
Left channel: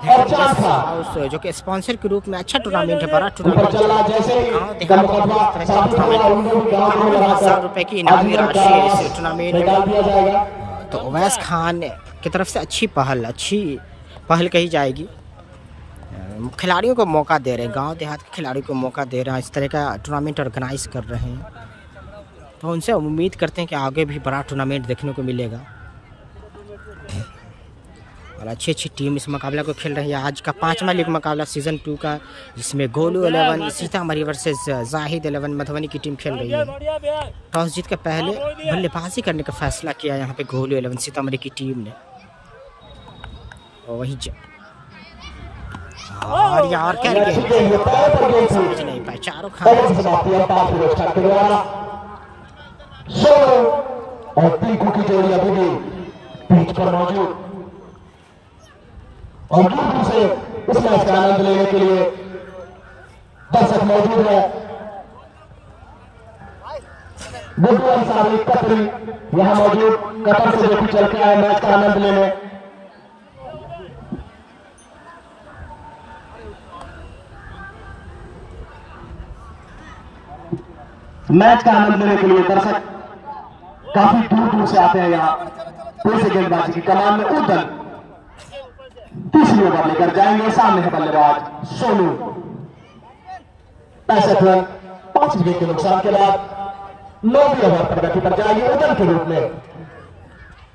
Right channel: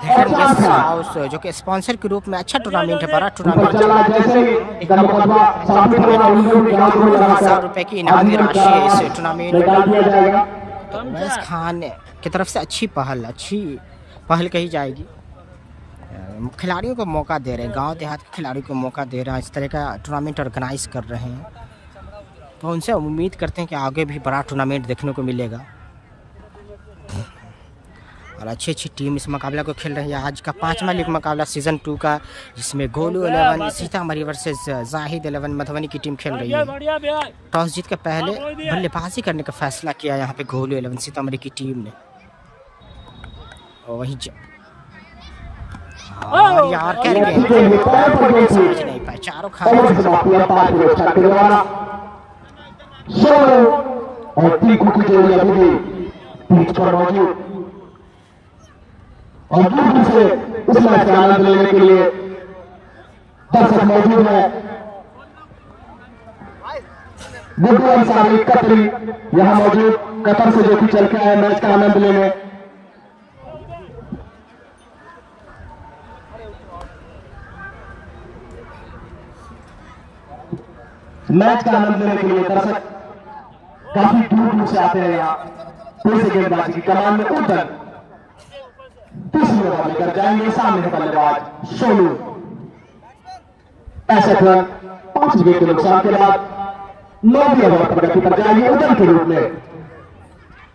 हाउस जो कि स्पॉन्सर के रूप में अच्छा टूर्नामेंट है, बड़ा टूर्नामेंट। 51,000 रुपए की इनामी राशि है इस टूर्नामेंट में। तो उवैस खान की तरफ से अच्छी पहल कही जाएगी। खिलाड़ियों को मौका दे रहे हैं, गांव देहात के खिलाड़ियों को मौका दे रहे हैं, इस तरह का टूर्नामेंट ऑर्गेनाइज कर रहे हैं। तो उनसे उम्मीद करते हैं कि आगे भी बड़ा टूर्नामेंट देखने को मिलेगा और अच्छी टीम इस मुकाबला को खेल रही है। आज का 5वां लीग मुकाबला सीजन 2 का, जिसमें गोलू 11 सीतामढ़ी वर्सेस जाहिद 11 मधुबनी की टीम खेल रही है। टॉस जीत के पहले बल्लेबाजी करने का फैसला किया यहाँ पे गोलू 11 सीतामढ़ी की टीम ने। और वहीं और यार क्या गेंद समझ नहीं पाए, चारों खाने और टीकू की जोड़ी अभी भी पिच पर मौजूद और दूर से इस मैच का आनंद लेने के लिए दर्शक मौजूद है। गुड्डू अंसारी कतरी यहाँ मौजूद, कतर से जो भी चल के आए मैच का आनंद लेने। मैच का आनंद लेने के लिए दर्शक काफी दूर से आते हैं यहाँ। फिर से गेंदबाजी की कमान में उधर तीसरी ओवर लेकर जाएंगे सामने का बल्लेबाज सोनू। 65 रन 5 विकेट के नुकसान के बाद 9वीं ओवर प्रगति पर जाएंगे उधर के रूप में।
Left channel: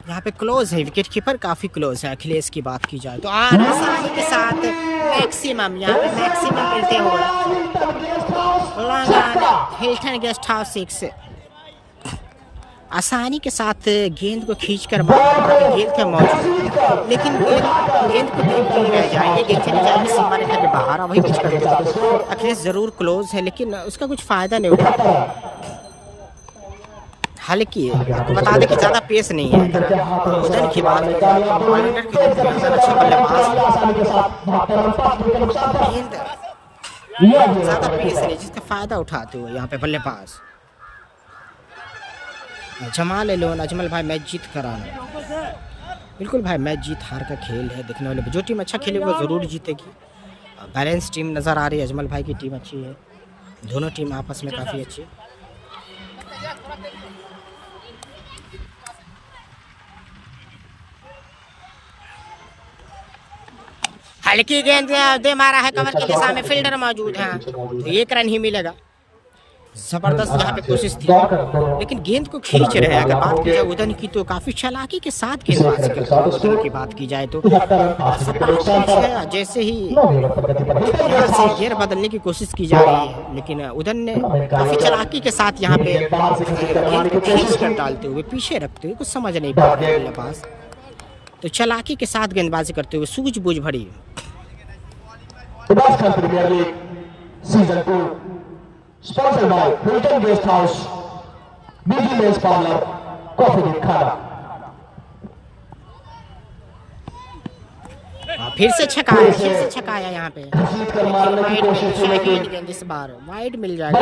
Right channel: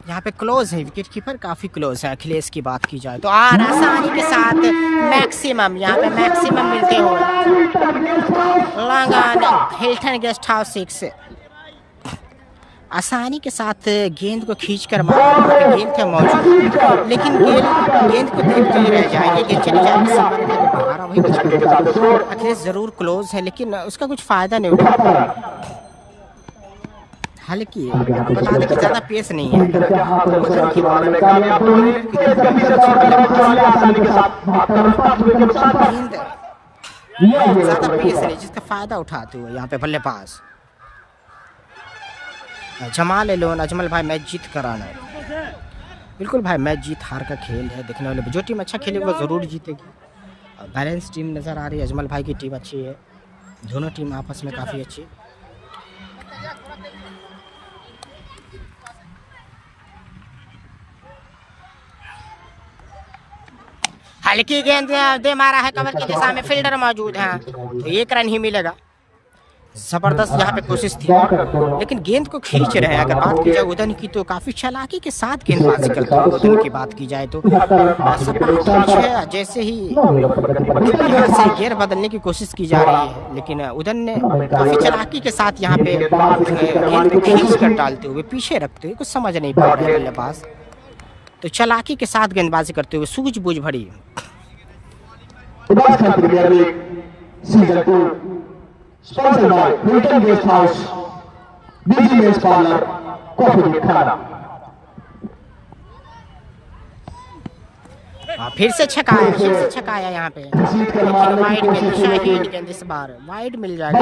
यहाँ पे क्लोज है, विकेट कीपर काफी क्लोज है। अखिलेश की बात की जाए तो आसानी के साथ मैक्सिमम यहाँ पे मैक्सिमम मिलते हुए लंगन हिल्टन गेस्ट हाउस 6 आसानी के साथ गेंद को खींचकर मारा। वहाँ पे गेंद थे मौजूद, लेकिन गेंद को देखते ही रह जाएंगे, गेंद चली जाएगी सीमा रेखा के बाहर। वही कुछ कर देता है। अखिलेश जरूर क्लोज है लेकिन उसका कुछ फायदा नहीं उठाता। हालांकि आपको बता दें कि ज्यादा पेस नहीं है। अगर उधर की बात अच्छे बल्लेबाज गेंद ज्यादा पेस नहीं, जिसका फायदा उठाते हुए यहाँ पे बल्लेबाज जमाल लोन अजमल भाई मैच जीत कर आना है। बिल्कुल भाई, मैच जीत हार का खेल है, देखने वाले जो टीम अच्छा खेलेगी वो ज़रूर जीतेगी। बैलेंस टीम नज़र आ रही है, अजमल भाई की टीम अच्छी है, दोनों टीम आपस में काफ़ी अच्छी। हल्की गेंद दे मारा है कवर की दिशा में, फील्डर मौजूद है तो 1 रन ही मिलेगा। जबरदस्त यहाँ पे कोशिश थी लेकिन गेंद को खींच रहे हैं। अगर बात की जाए उदन की तो काफी चालाकी के साथ गेंदबाजी करते हैं। उदन की बात की जाए तो जैसे ही यहाँ से गियर बदलने की कोशिश की जा रही है, लेकिन उदन ने काफी चालाकी के साथ यहाँ पे गेंद को खींच कर डालते हुए पीछे रखते हुए, कुछ समझ नहीं पा रहे बल्लेबाज, तो चालाकी के साथ गेंदबाजी करते हुए सूझबूझ भरी। Sponsored by Hilton Guest House, BG Men's Parlour, Coffee Day Khana। फिर से छकाया यहाँ पे वाइड गेंद, इस बार वाइड मिल जाएगा।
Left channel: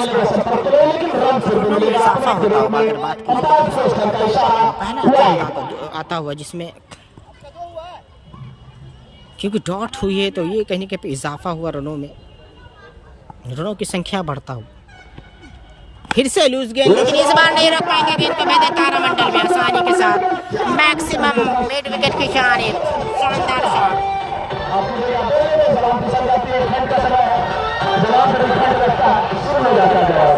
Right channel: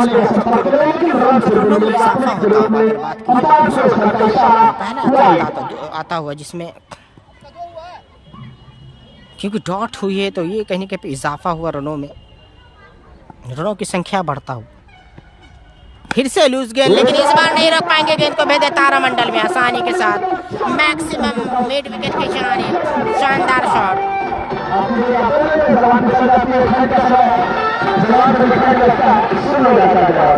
रनों में इजाफा होता होगा अगर बात की जाए। पहला आता हुआ जिसमें क्योंकि डॉट हुई है तो ये कहीं पे इजाफा हुआ, रनों की संख्या बढ़ता हो। फिर से लूज गेंद, लेकिन इस बार नहीं रोक पाएंगे गेंद को। भेदे तारामंडल में आसानी के साथ मैक्सिमम मिड विकेट की शानदार शॉट। जवाब को देखने लगता है शुरू हो जाता है।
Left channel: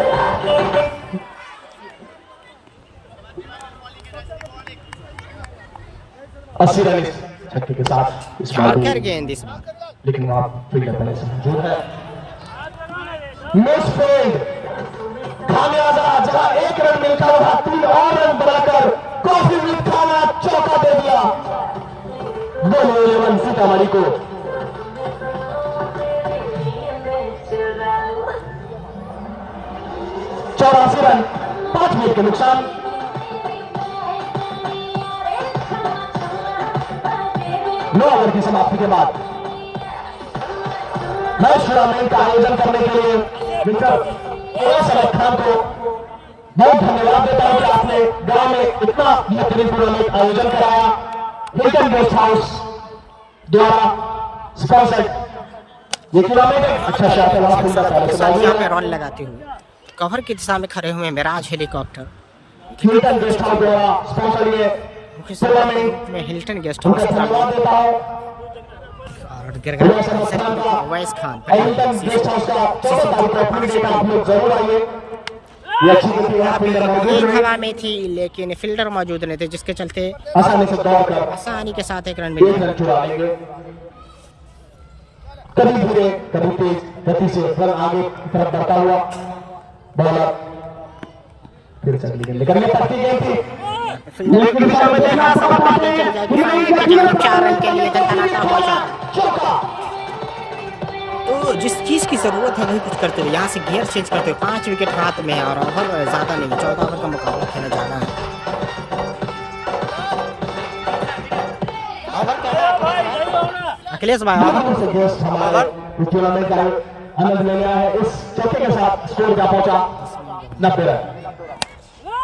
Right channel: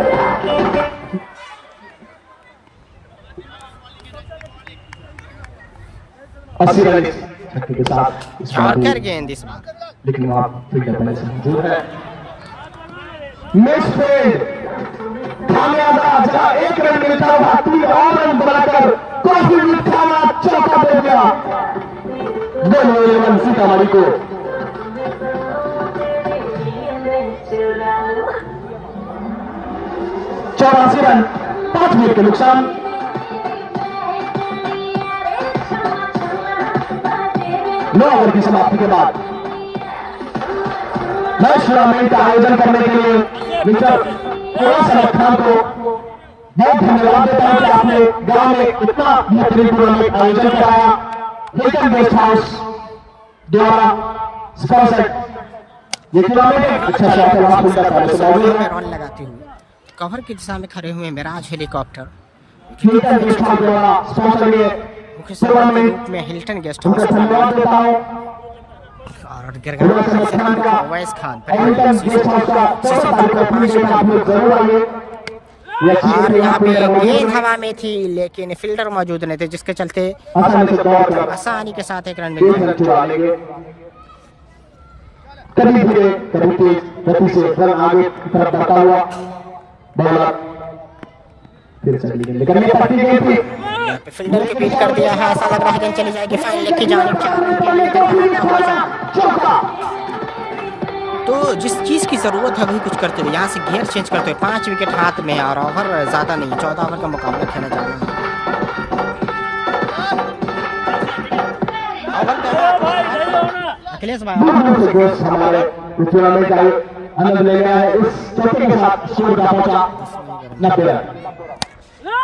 अस्सी रन छक्के के साथ यॉर्कर गेंद इस बार, लेकिन वहां फील्डर पहले से मौजूद है। मिस फील्ड खामियाजा, जहां एक रन मिलता वहां 3 और रन बनाकर काफी मिठाना चौका दे दिया गोलू 11 सीतामढ़ी को। चौरासी रन 5 विकेट के नुकसान। नौ ओवर की समाप्ति के बाद मैच टूर्नामेंट का आयोजन करने के लिए मिस्टर खान को बहुत धन्यवाद देता हूं कि आपने गांव में इतना बेहतरीन टूर्नामेंट आयोजन कराया। हिल्टन गेस्ट हाउस द्वारा स्पॉन्सर्ड ये टूर्नामेंट अच्छा यहाँ पे रन लगाते हुए कवर की दिशा में खड़े हुए Mirage helicopter, Hilton guest house द्वारा स्पॉन्सर्ड ये मुख्य सदस्य के रूप में हिल्टन गेस्ट हाउस और गिरगान अवैस खान का 5 और यहाँ पे गेंद हवा में थी लेकिन फील्डर मौजूद नहीं थे, जिसके चलते आसानी के साथ एक रन मिल गया। कभी धीरे कभी तेज गति से रन आगे तरफ बढ़ता हुआ बॉलर फिर से लेकिन ये पट्टी गेंद थी फील्डर चली जाएगी सामने की जानिब 4 रन के लिए धड़धड़ाता हुआ चौका। तो जिस चीज की जरूरत है वही कुछ करते हुए यहाँ से गियर चेंज करते हुए 5 विकेट हाथ में है और ओवर ज्यादा नहीं है, 14 ओवर का मुकाबला खेलने जाना है। अखिलेश भाई टूर्नामेंट का आनंद ले रहा है। इस चौके के साथ स्कोर जा पहुंचा 90 रन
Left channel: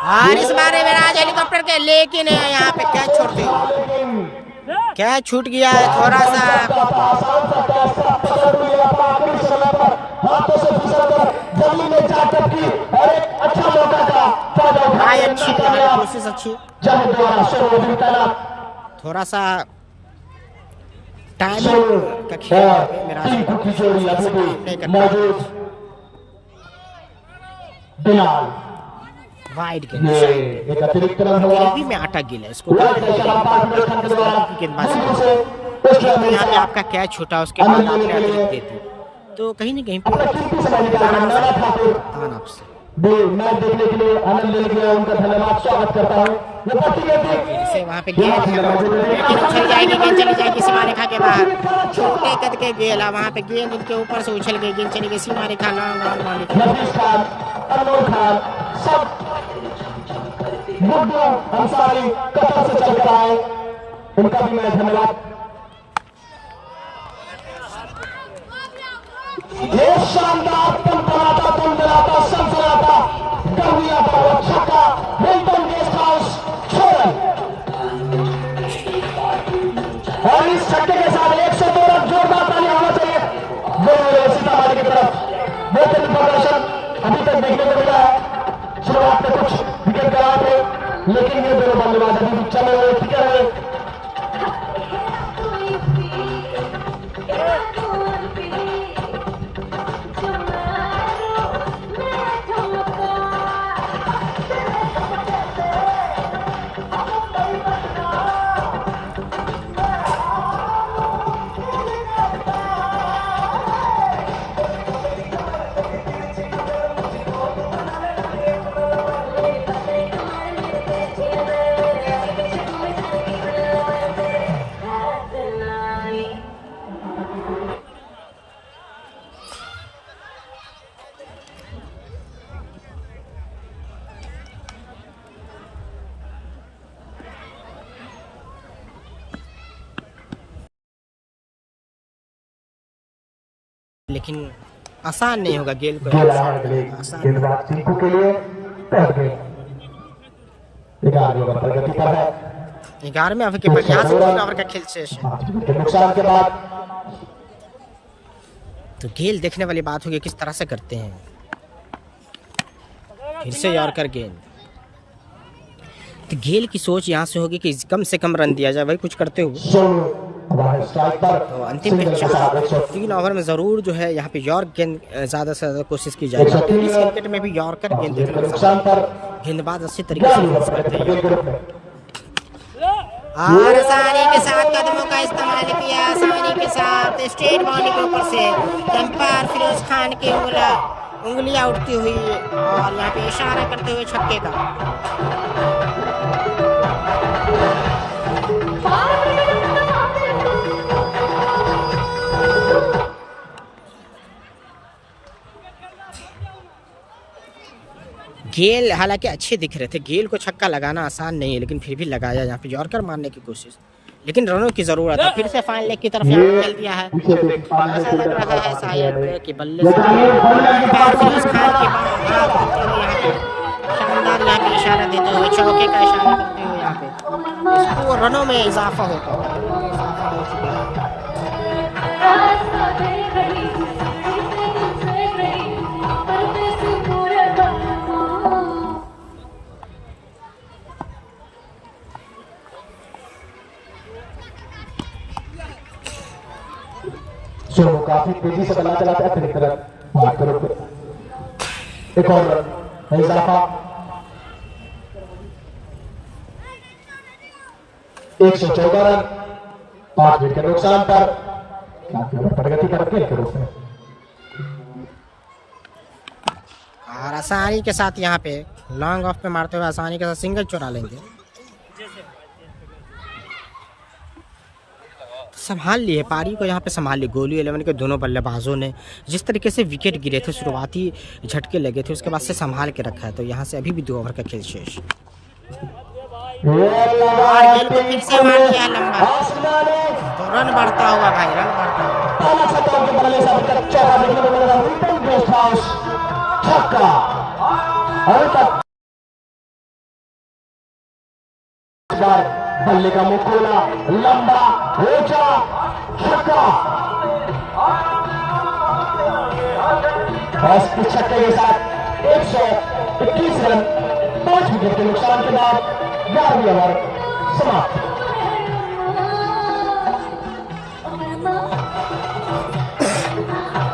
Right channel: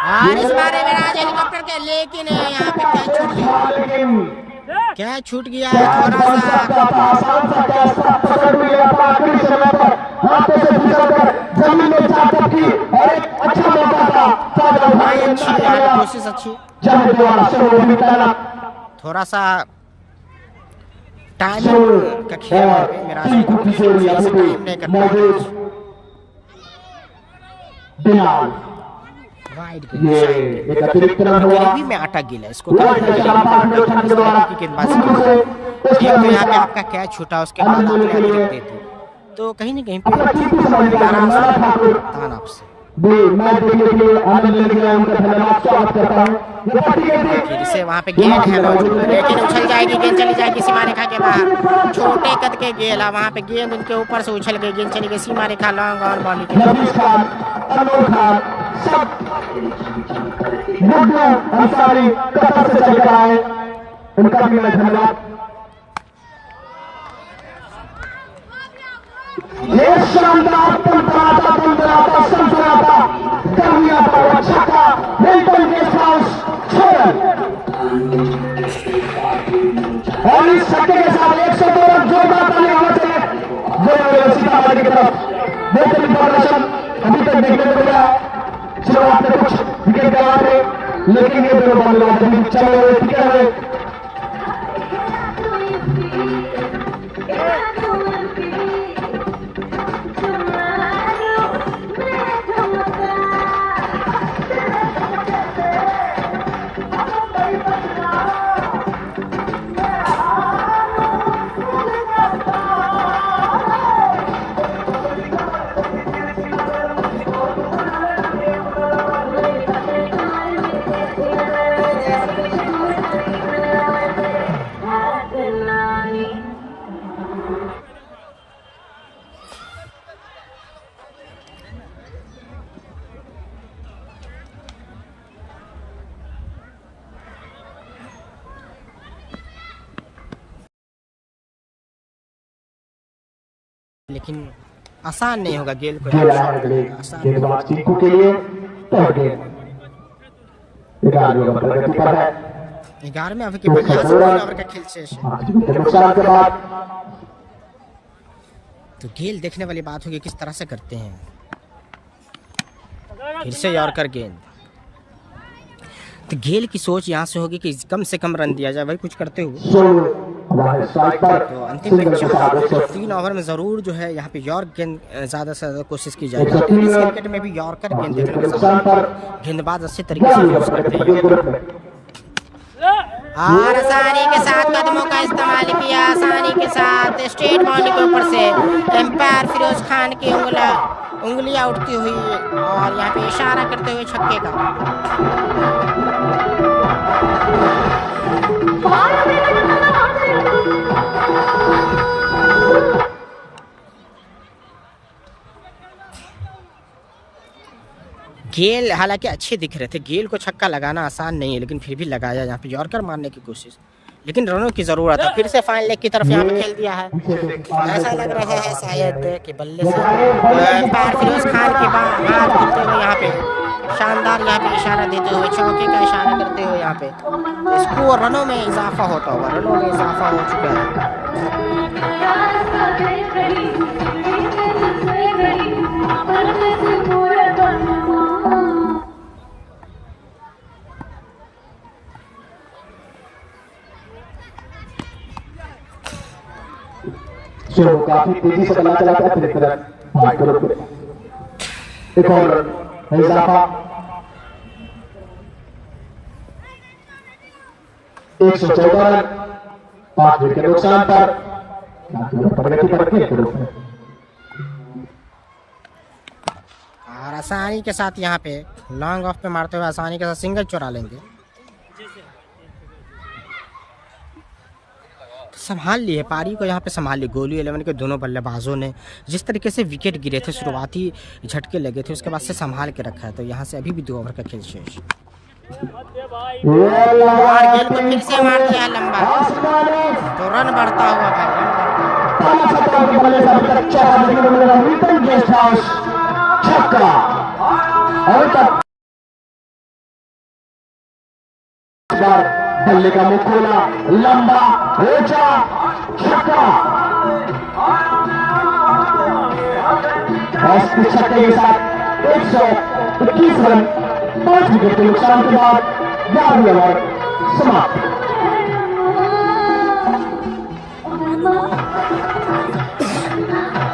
और इस बारे में राज हेलीकॉप्टर के, लेकिन यहाँ पे कैच छोड़ते क्या छूट गया है थोड़ा सा। भाई अच्छी यहाँ पे कोशिश अच्छी, थोड़ा सा टाइमिंग का खेल वहाँ पे मिराज हेलीकॉप्टर टाइम नहीं कर पाए। वाइड गरीबी में अटक गया इसको गेंदबाजी। तो यहाँ पे आपका कैच छूटा, उसके बाद आपने अतिरिक्त दे दी, तो कहीं न कहीं पे नाराज तान आपसे। जिसे वहाँ पे गेंद है लेकिन उछल जाएगी, गेंद चली जाएगी सीमा रेखा के बाहर। छोटे कद के गेंद है, वहाँ पे गेंद उनके ऊपर से उछल गई, गेंद चली गई सीमा रेखा लॉन्ग और बाउंड्री अंसारी कतर से चल कर आए, उनका भी मैं धन्यवाद। एक शानदार तनतनाता सनसनाता गर्मियाता हुआ छक्का हिल्टन गेस्ट हाउस 6 रन और इस छक्के के साथ 102 रन जोरदार ताली होना चाहिए सीतामढ़ी की तरफ। बेहतरीन प्रदर्शन अभी तक देखने को मिला है। शुरुआत में कुछ विकेट गया थे लेकिन ये दोनों बल्लेबाज अभी चले हुए टिके हुए। लेकिन आसान नहीं होगा गेंद को आसान गेंदबाज टिंकू के लिए पहले गेंद 11वें ओवर पर गति पर है। 11वें ओवर के बाद यहाँ से 3 ओवर का खेल शेष है। नुकसान के बाद तो गेंद देखने वाली बात होगी किस तरह से करते हैं। फिर से यॉर्कर गेंद, तो गेल की सोच यहाँ से होगी कि कम से कम रन दिया जाए, वही कुछ करते हुए तो अंतिम के 3 ओवर में ज़रूर जो है यहाँ पे यॉर्क गेंद ज़्यादा से ज़्यादा कोशिश की जाएगी। टेनिस क्रिकेट में भी यॉर्कर गेंद देखने को मिलता है, गेंदबाज अच्छे तरीके से यूज करते हैं। और आसानी के साथ कदमों का इस्तेमाल किया, आसानी के साथ स्ट्रेट बाउंड्री के ऊपर से एम्पायर फिरोज खान की उंगलियां उठती हुई और यहाँ पे इशारा करते हुए छक्के का। गेल हालांकि अच्छे दिख रहे थे, गेल को छक्का लगाना आसान नहीं है, लेकिन फिर भी लगाया यहाँ पे यॉर्कर मारने की कोशिश, लेकिन रनों की जरूरत है। फिर से फाइनल लेग की तरफ यहाँ पे खेल दिया है। ऐसा लग रहा है शायद कि बल्ले फिरोज खान के बाद हाथ गिरते हुए यहाँ पे शानदार यहाँ पे इशारा देते हुए, चौके का इशारा करते हुए यहाँ पे इसको रनों में इजाफा होता होगा, रनों में इजाफा हो चुका है। सोनू काफी तेजी से बल्ला चलाता है, फिर एक और इजाफा 114 रन 5 विकेट के नुकसान पर प्रगति पर खेल के रूप में। और आसानी के साथ यहाँ पे लॉन्ग ऑफ पे मारते हुए आसानी के साथ सिंगल चुरा लेंगे। संभाल लिए पारी को, यहाँ पे संभाल ली गोलू 11 के दोनों बल्लेबाजों ने। जिस तरीके से विकेट गिरे थे, शुरुआती झटके लगे थे, उसके बाद से संभाल के रखा है। तो यहाँ से अभी भी 2 ओवर का खेल शेष और गेल को फिर से मार दिया लंबा, तो रन बढ़ता हुआ भाई, रन बढ़ता। बल्ले का मुख खोला, लंबा ऊंचा छक्का, इस छक्के के साथ 121 रन 5 विकेट के नुकसान के बाद 11वीं ओवर समाप्त।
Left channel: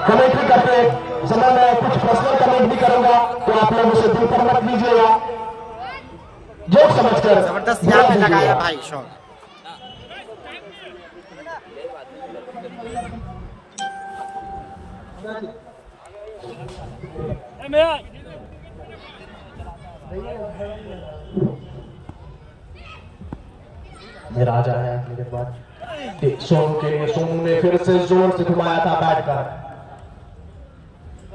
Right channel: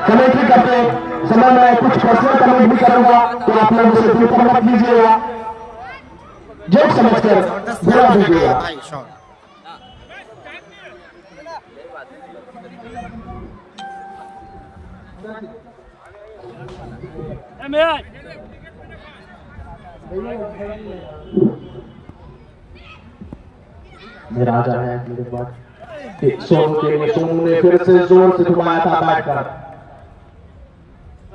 कमेंट्री करते समय मैं कुछ पर्सनल कमेंट भी करूंगा, तो आप लोग उसे दूर पर मत लीजिएगा। जो समझकर जबरदस्त लगाया भाई शॉट। मेरा राजा है मेरे बाद सोनू के लिए, सोनू ने फिर से जोर से घुमाया था बैट कर,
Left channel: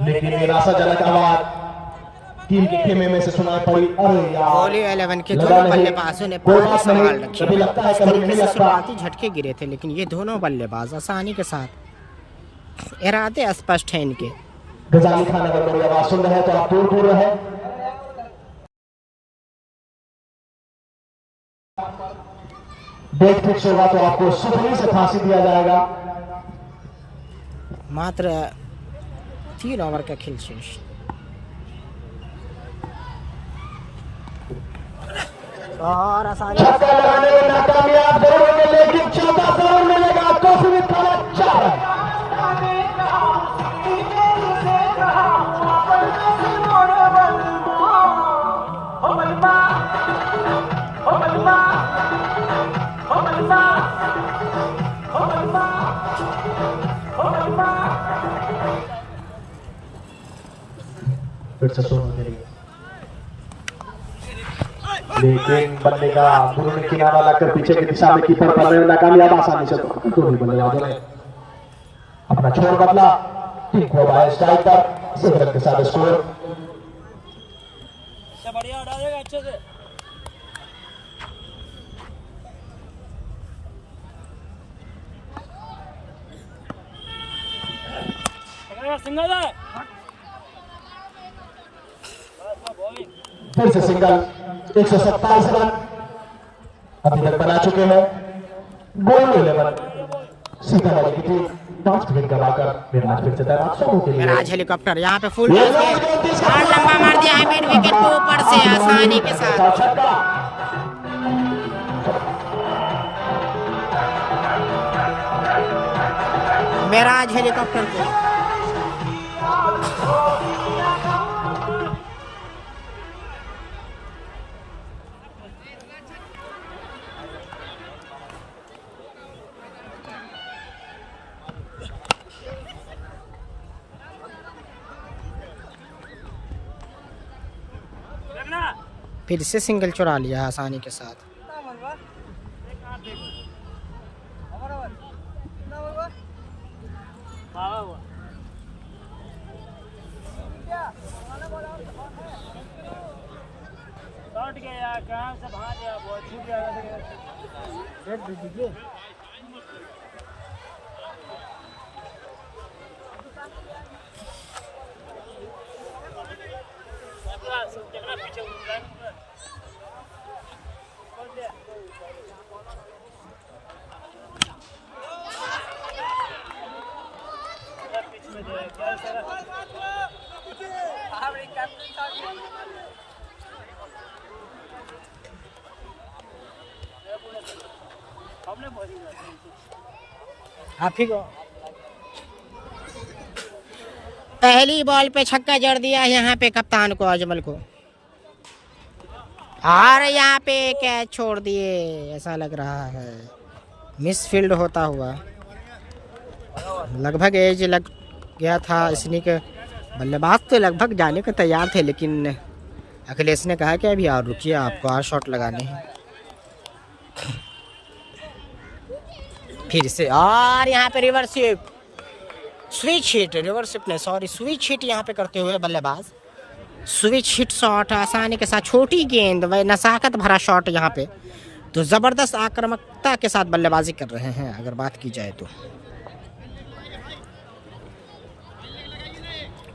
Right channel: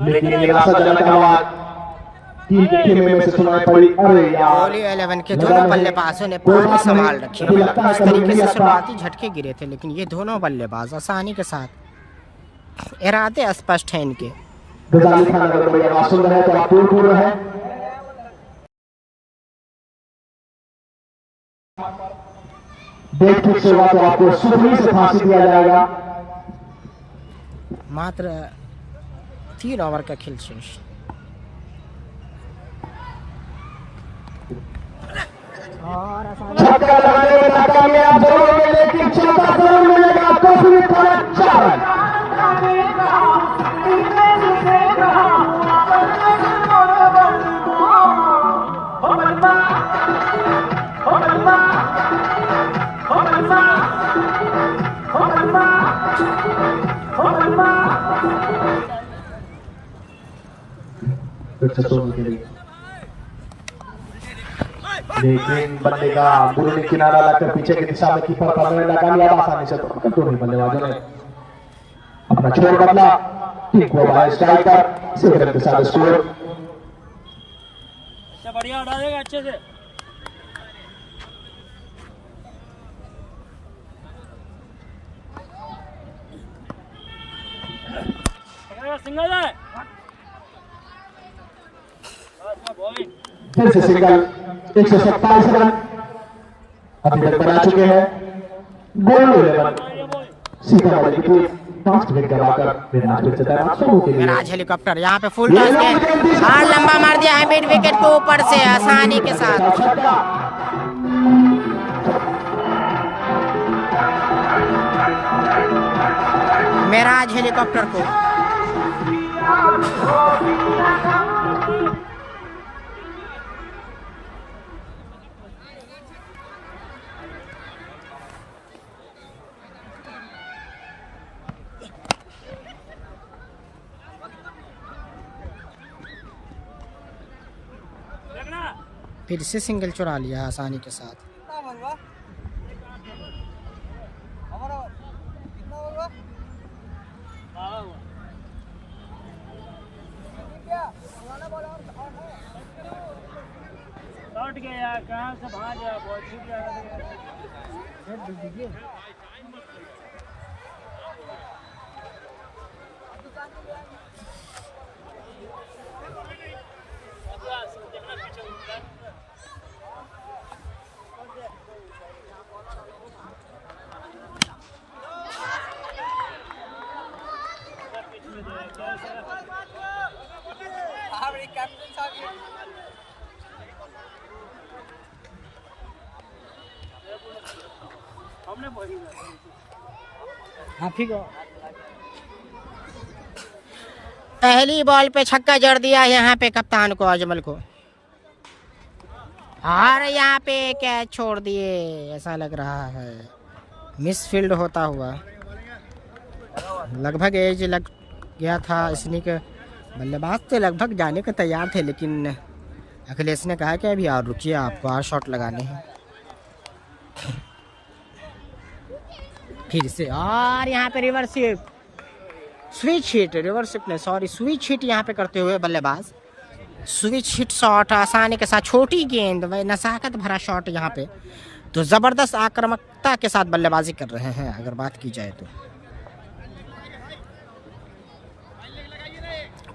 लेकिन निराशाजनक आवाज टीम के खेमे में से सुनाई पड़ी। अरे यार, गोलू 11 के दोनों बल्लेबाजों ने पारी संभाल रखी है। इस तरीके से शुरुआती झटके गिरे थे, लेकिन ये दोनों बल्लेबाज आसानी के साथ, इरादे स्पष्ट हैं इनके। गजाली खान अगर मेरी आवाज सुन रहे हैं तो आप दूर दूर रहे। डेट फिक्स होगा तो आपको सुबह से फांसी दिया जाएगा। मात्र 3 ओवर का खेल शेष। और आसानी लेकिन चौथा जरूर मिलेगा, तो फिर 4 रन। फिर से सोनू के लिए, लेकिन बल्ले का बुरे किनारा लगकर पीछे की दिशा में कीपर करने में नाकामयाब। आसानी से दोनों बल्लेबाजों ने अपना छोर बदला, टीम को बाहर स्ट्राइक पर सिगरेट के साथ स्कोर। बढ़िया डालेगा अच्छे से। सिंगल है, फिर से सिंगल। 127 रन अभी तक बना चुके हैं। गोलू 11 सीतामढ़ी की टीम 5 विकेट गंवाकर मिराज हेलीकॉप्टर यहाँ पे फुल टॉस में लंबा मार दिया है मिड विकेट के ऊपर से आसानी के साथ। मेराज हेलीकॉप्टर को। फिर से सिंगल चुरा लिया आसानी के साथ। गया कहाँ से भाग गया, बहुत छूट गया। आप ही को पहली बॉल पे छक्का जड़ दिया यहाँ पे कप्तान को, अजमल को, और यहाँ पे कैच छोड़ दिए। ऐसा लग रहा है मिसफील्ड होता हुआ। लगभग एज लग गया था स्निक, बल्लेबाज तो लगभग जाने को तैयार थे, लेकिन अखिलेश ने कहा कि अभी और रुकिए, आपको और शॉट लगाने हैं। फिर से और यहाँ पे reverse switch hit, reverse hit नहीं सॉरी स्विच हिट यहाँ पे करते हुए बल्लेबाज। स्विच हिट शॉट आसानी के साथ, छोटी गेंद व नसाकत भरा शॉट यहाँ पे। तो ज़बरदस्त आक्रामकता के साथ बल्लेबाजी कर रहे हैं अगर बात की जाए तो।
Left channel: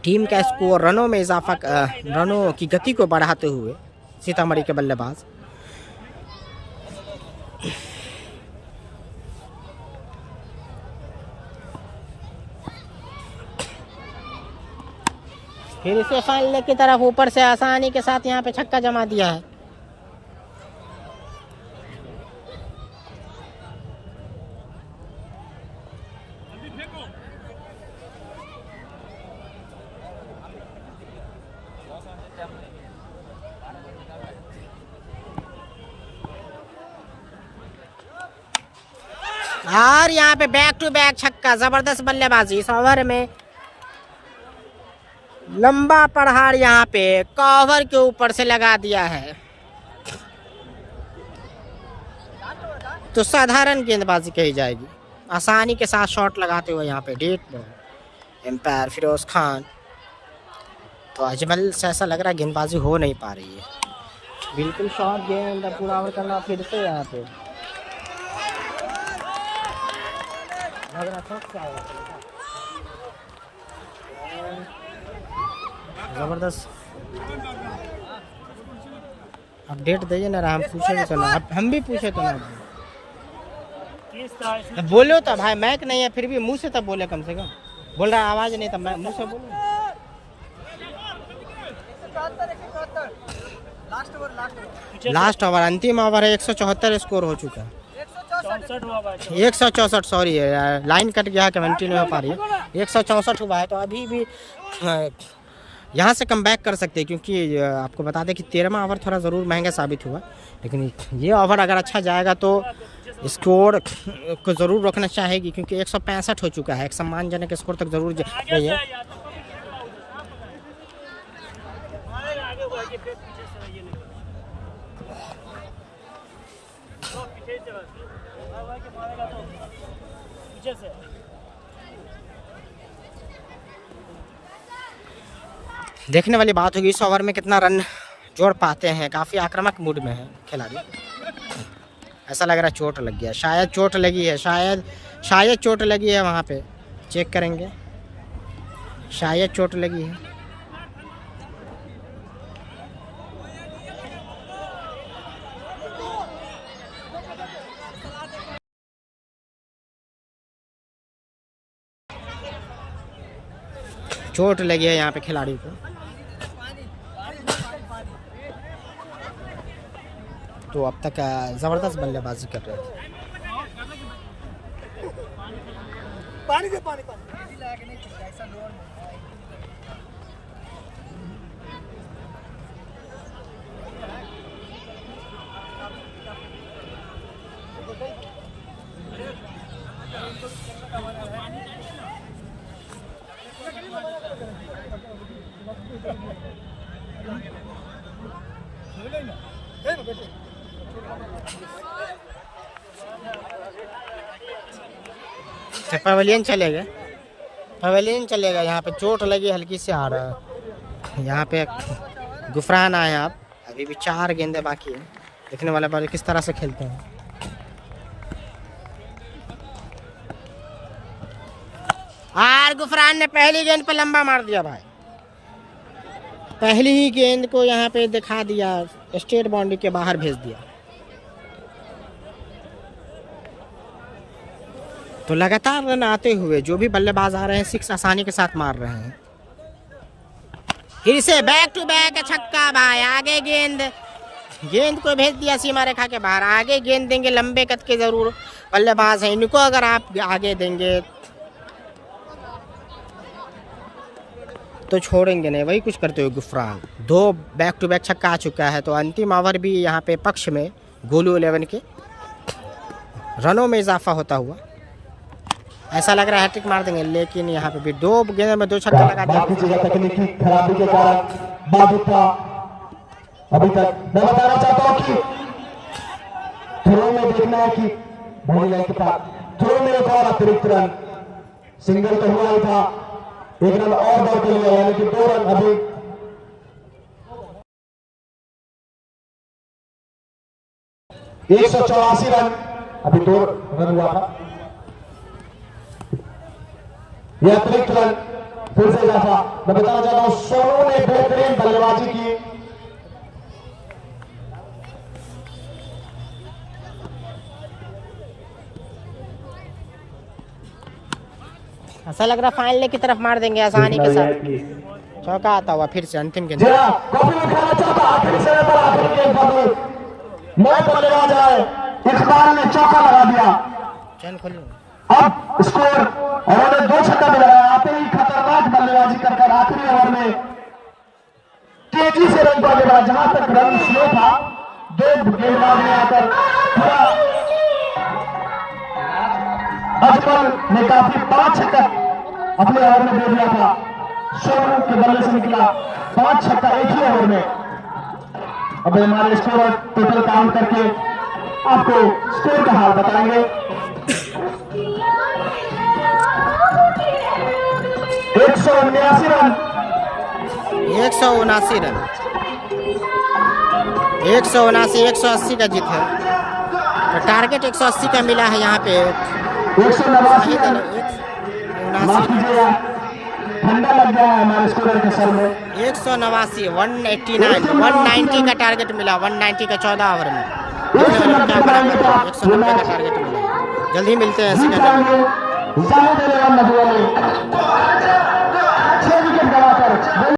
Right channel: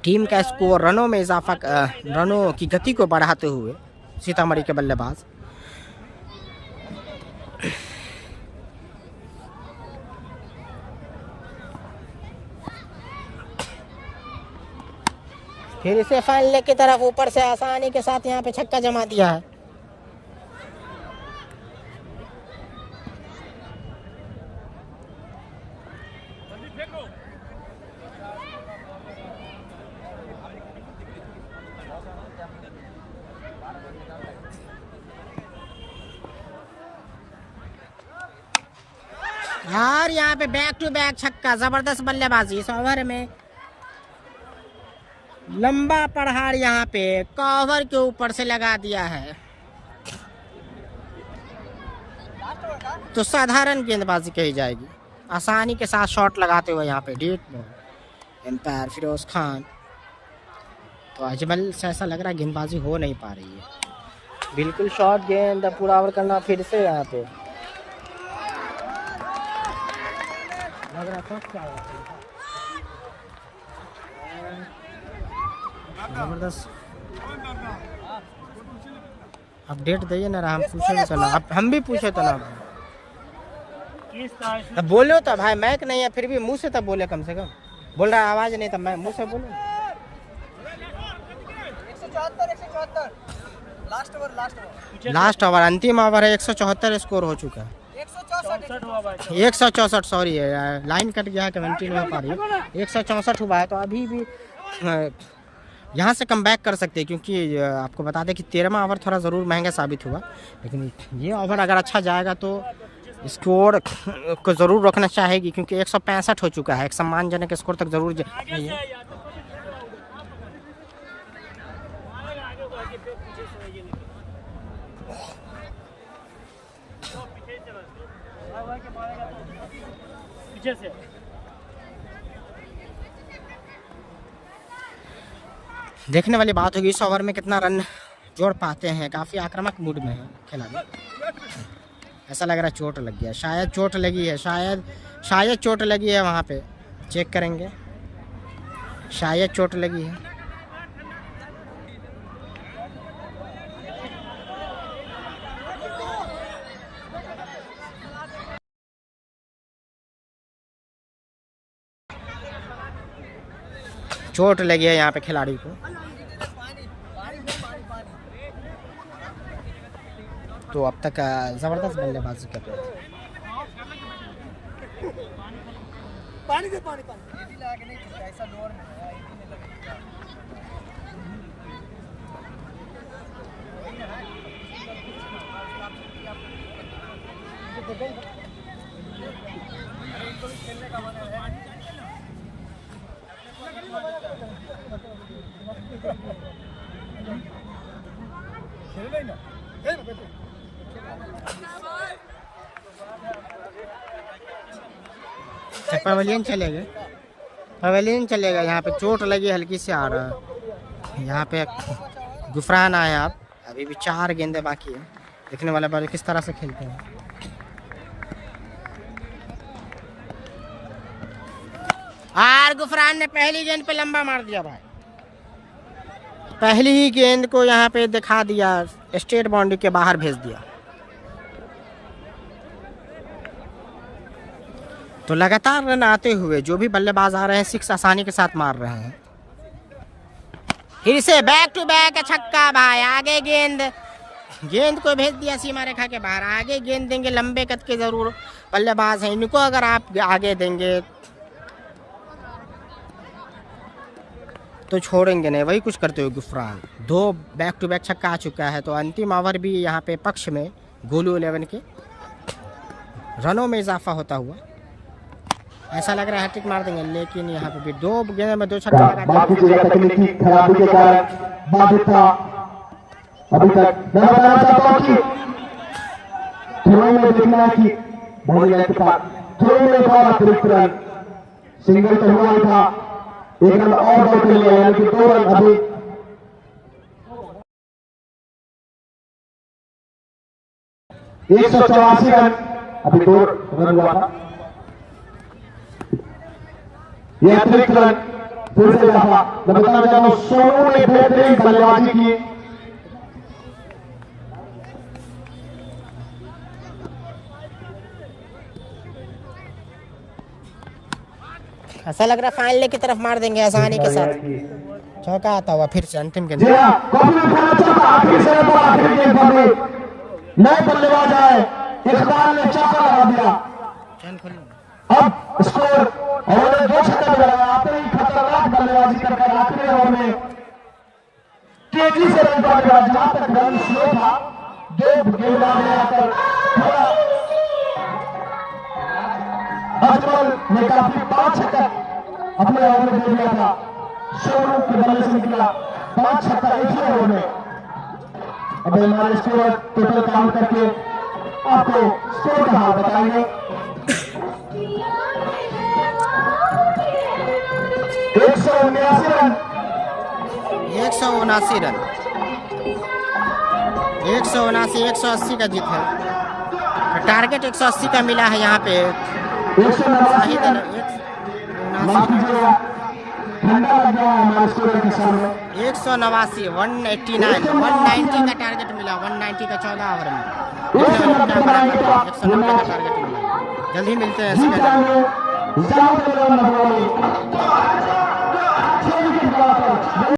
टीम का स्कोर रनों में इजाफा, रनों की गति को बढ़ाते हुए सीतामढ़ी के बल्लेबाज। फिर इसे फाइनल की तरफ ऊपर से आसानी के साथ यहाँ पे छक्का जमा दिया है। और यहाँ पे बैक टू बैक छक्का, जबरदस्त बल्लेबाजी इस ओवर में। लंबा प्रहार यहाँ पे कवर के ऊपर से लगा दिया है। तो साधारण गेंदबाजी कही जाएगी, आसानी के साथ शॉट लगाते हुए यहाँ पे dead ball. Umpire Firoz Khan. तो अजमल से ऐसा लग रहा है गेंदबाजी हो नहीं पा रही है, बिल्कुल शॉर्ट गेंद पूरा ओवर करना। फिर से यहाँ पे जबरदस्त अपडेट दीजिए ना, हम पूछे भी तो ना, हम भी पूछे तो ना। तब बोलो तो भाई, मैक नहीं है फिर भी मुंह से तब बोले, कम से कम बोल रहा आवाज नहीं, तब मैं मुंह से बोलूँ। लास्ट ओवर, अंतिम ओवर है। 174 स्कोर हो चुका है। 164 सॉरी, लाइन कट गया, कमेंट्री नहीं हो पा रही है। 164 हुआ है। तो अभी भी यहाँ से कम बैक कर सकते हैं, क्योंकि आपको बता दें कि 13वां ओवर थोड़ा ज़रूर महंगा साबित हुआ, लेकिन ये ओवर अगर अच्छा जाएगा तो स्कोर को ज़रूर रखना चाहेगी, क्योंकि 165 हो चुका है। एक सम्मानजनक स्कोर तक ज़रूर गई है। देखने वाली बात होगी इस ओवर में कितना रन जोड़ पाते हैं। काफ़ी आक्रामक मूड में है खिलाड़ी। ऐसा लग रहा है चोट लग गया, शायद चोट लगी है, शायद चोट लगी है। वहाँ पे चेक करेंगे, शायद चोट लगी है। चोट लगी है यहाँ पे खिलाड़ी को। तो अब तक ज़बरदस्त बल्लेबाजी कर रहे थे। पानी दे पानी एडी लगा के नहीं खेलता ऐसा लोअर में है एडी नहीं लगेगा वही ना है गलती से ना होगा उसका आपको कुछ करना है ना तो देखो अरे भैया इनको भी खेलने का मन है पानी चाहिए ना खेल ना खेल बेटे पवेलियन चलेगा यहाँ पे चोट लगी हल्की से आ रहा है यहाँ पे गुफरान आए आप अभी भी 4 गेंदे बाकी है देखने वाले बॉल किस तरह से खेलते हैं और गुफरान ने पहली गेंद पे लंबा मार दिया भाई पहली ही गेंद को यहाँ पे दिखा दिया स्टेट बाउंड्री के बाहर भेज दिया तो लगातार रन आते हुए जो भी बल्लेबाज आ रहे हैं 6 आसानी के साथ मार रहे हैं फिर से बैक टू बैक छक्का भाई आगे गेंद को भेज दिया सीमा रेखा के बाहर आगे गेंद देंगे लंबे कद के जरूर बल्लेबाज हैं इनको अगर आप आगे देंगे तो छोड़ेंगे नहीं वही कुछ करते हुए गुफरान 2 बैक टू बैक छक्का आ चुका है तो अंतिम ओवर भी यहाँ पे पक्ष में गोलू 11 के रनों में इजाफा होता हुआ ऐसा लग रहा है हैट्रिक मार देंगे लेकिन यहाँ पे भी 2 गेंद में 2 छक्का लगा दिया तकनीकी खराबी के कारण बाधित था अभी तक मैं बताना चाहता हूँ कि थ्रो में देखना है कि बॉलिंग के पास थ्रो में एक और अतिरिक्त रन सिंगल तो हुआ था एक रन और दौड़ के लिए यानी कि 2 रन अभी 184 रन अभी 2 रन हुआ था यह अतिरिक्त रन फिर से इजाफा मैं बताना चाहता हूं सोनू ने बेहतरीन बल्लेबाजी की ऐसा लग रहा फाइनल की तरफ मार देंगे आसानी के साथ चौका आता हुआ फिर से अंतिम गेंद इकबाल ने चौका लगा दिया चैन खोल अब स्कोर उन्होंने 2 छक्का लगाया आते ही खतरनाक बल्लेबाजी कर आखिरी ओवर में तेजी से रन बल्लेबाज जहां तक रन स्लो था 2 गेंदबाज ने आकर अजमल ने काफी 5 छक्का अपने ओवर में दे दिया था सोनू के बल्ले से निकला 5 छक्का एक ही ओवर में अब हमारे स्कोर टोटल काउंट करके आपको स्कोर का हाल बताएंगे 179 रन 180 का जीत है तो टारगेट 180 का मिला है यहाँ पे 189 ठंडा लग गया है हमारे स्कोर के सर में 189 190 का टारगेट मिला 190 का 14 ओवर में देखने वाले क्या बना करते हैं 190 का टारगेट मिला जल्द ही मिलते हैं सेकंड में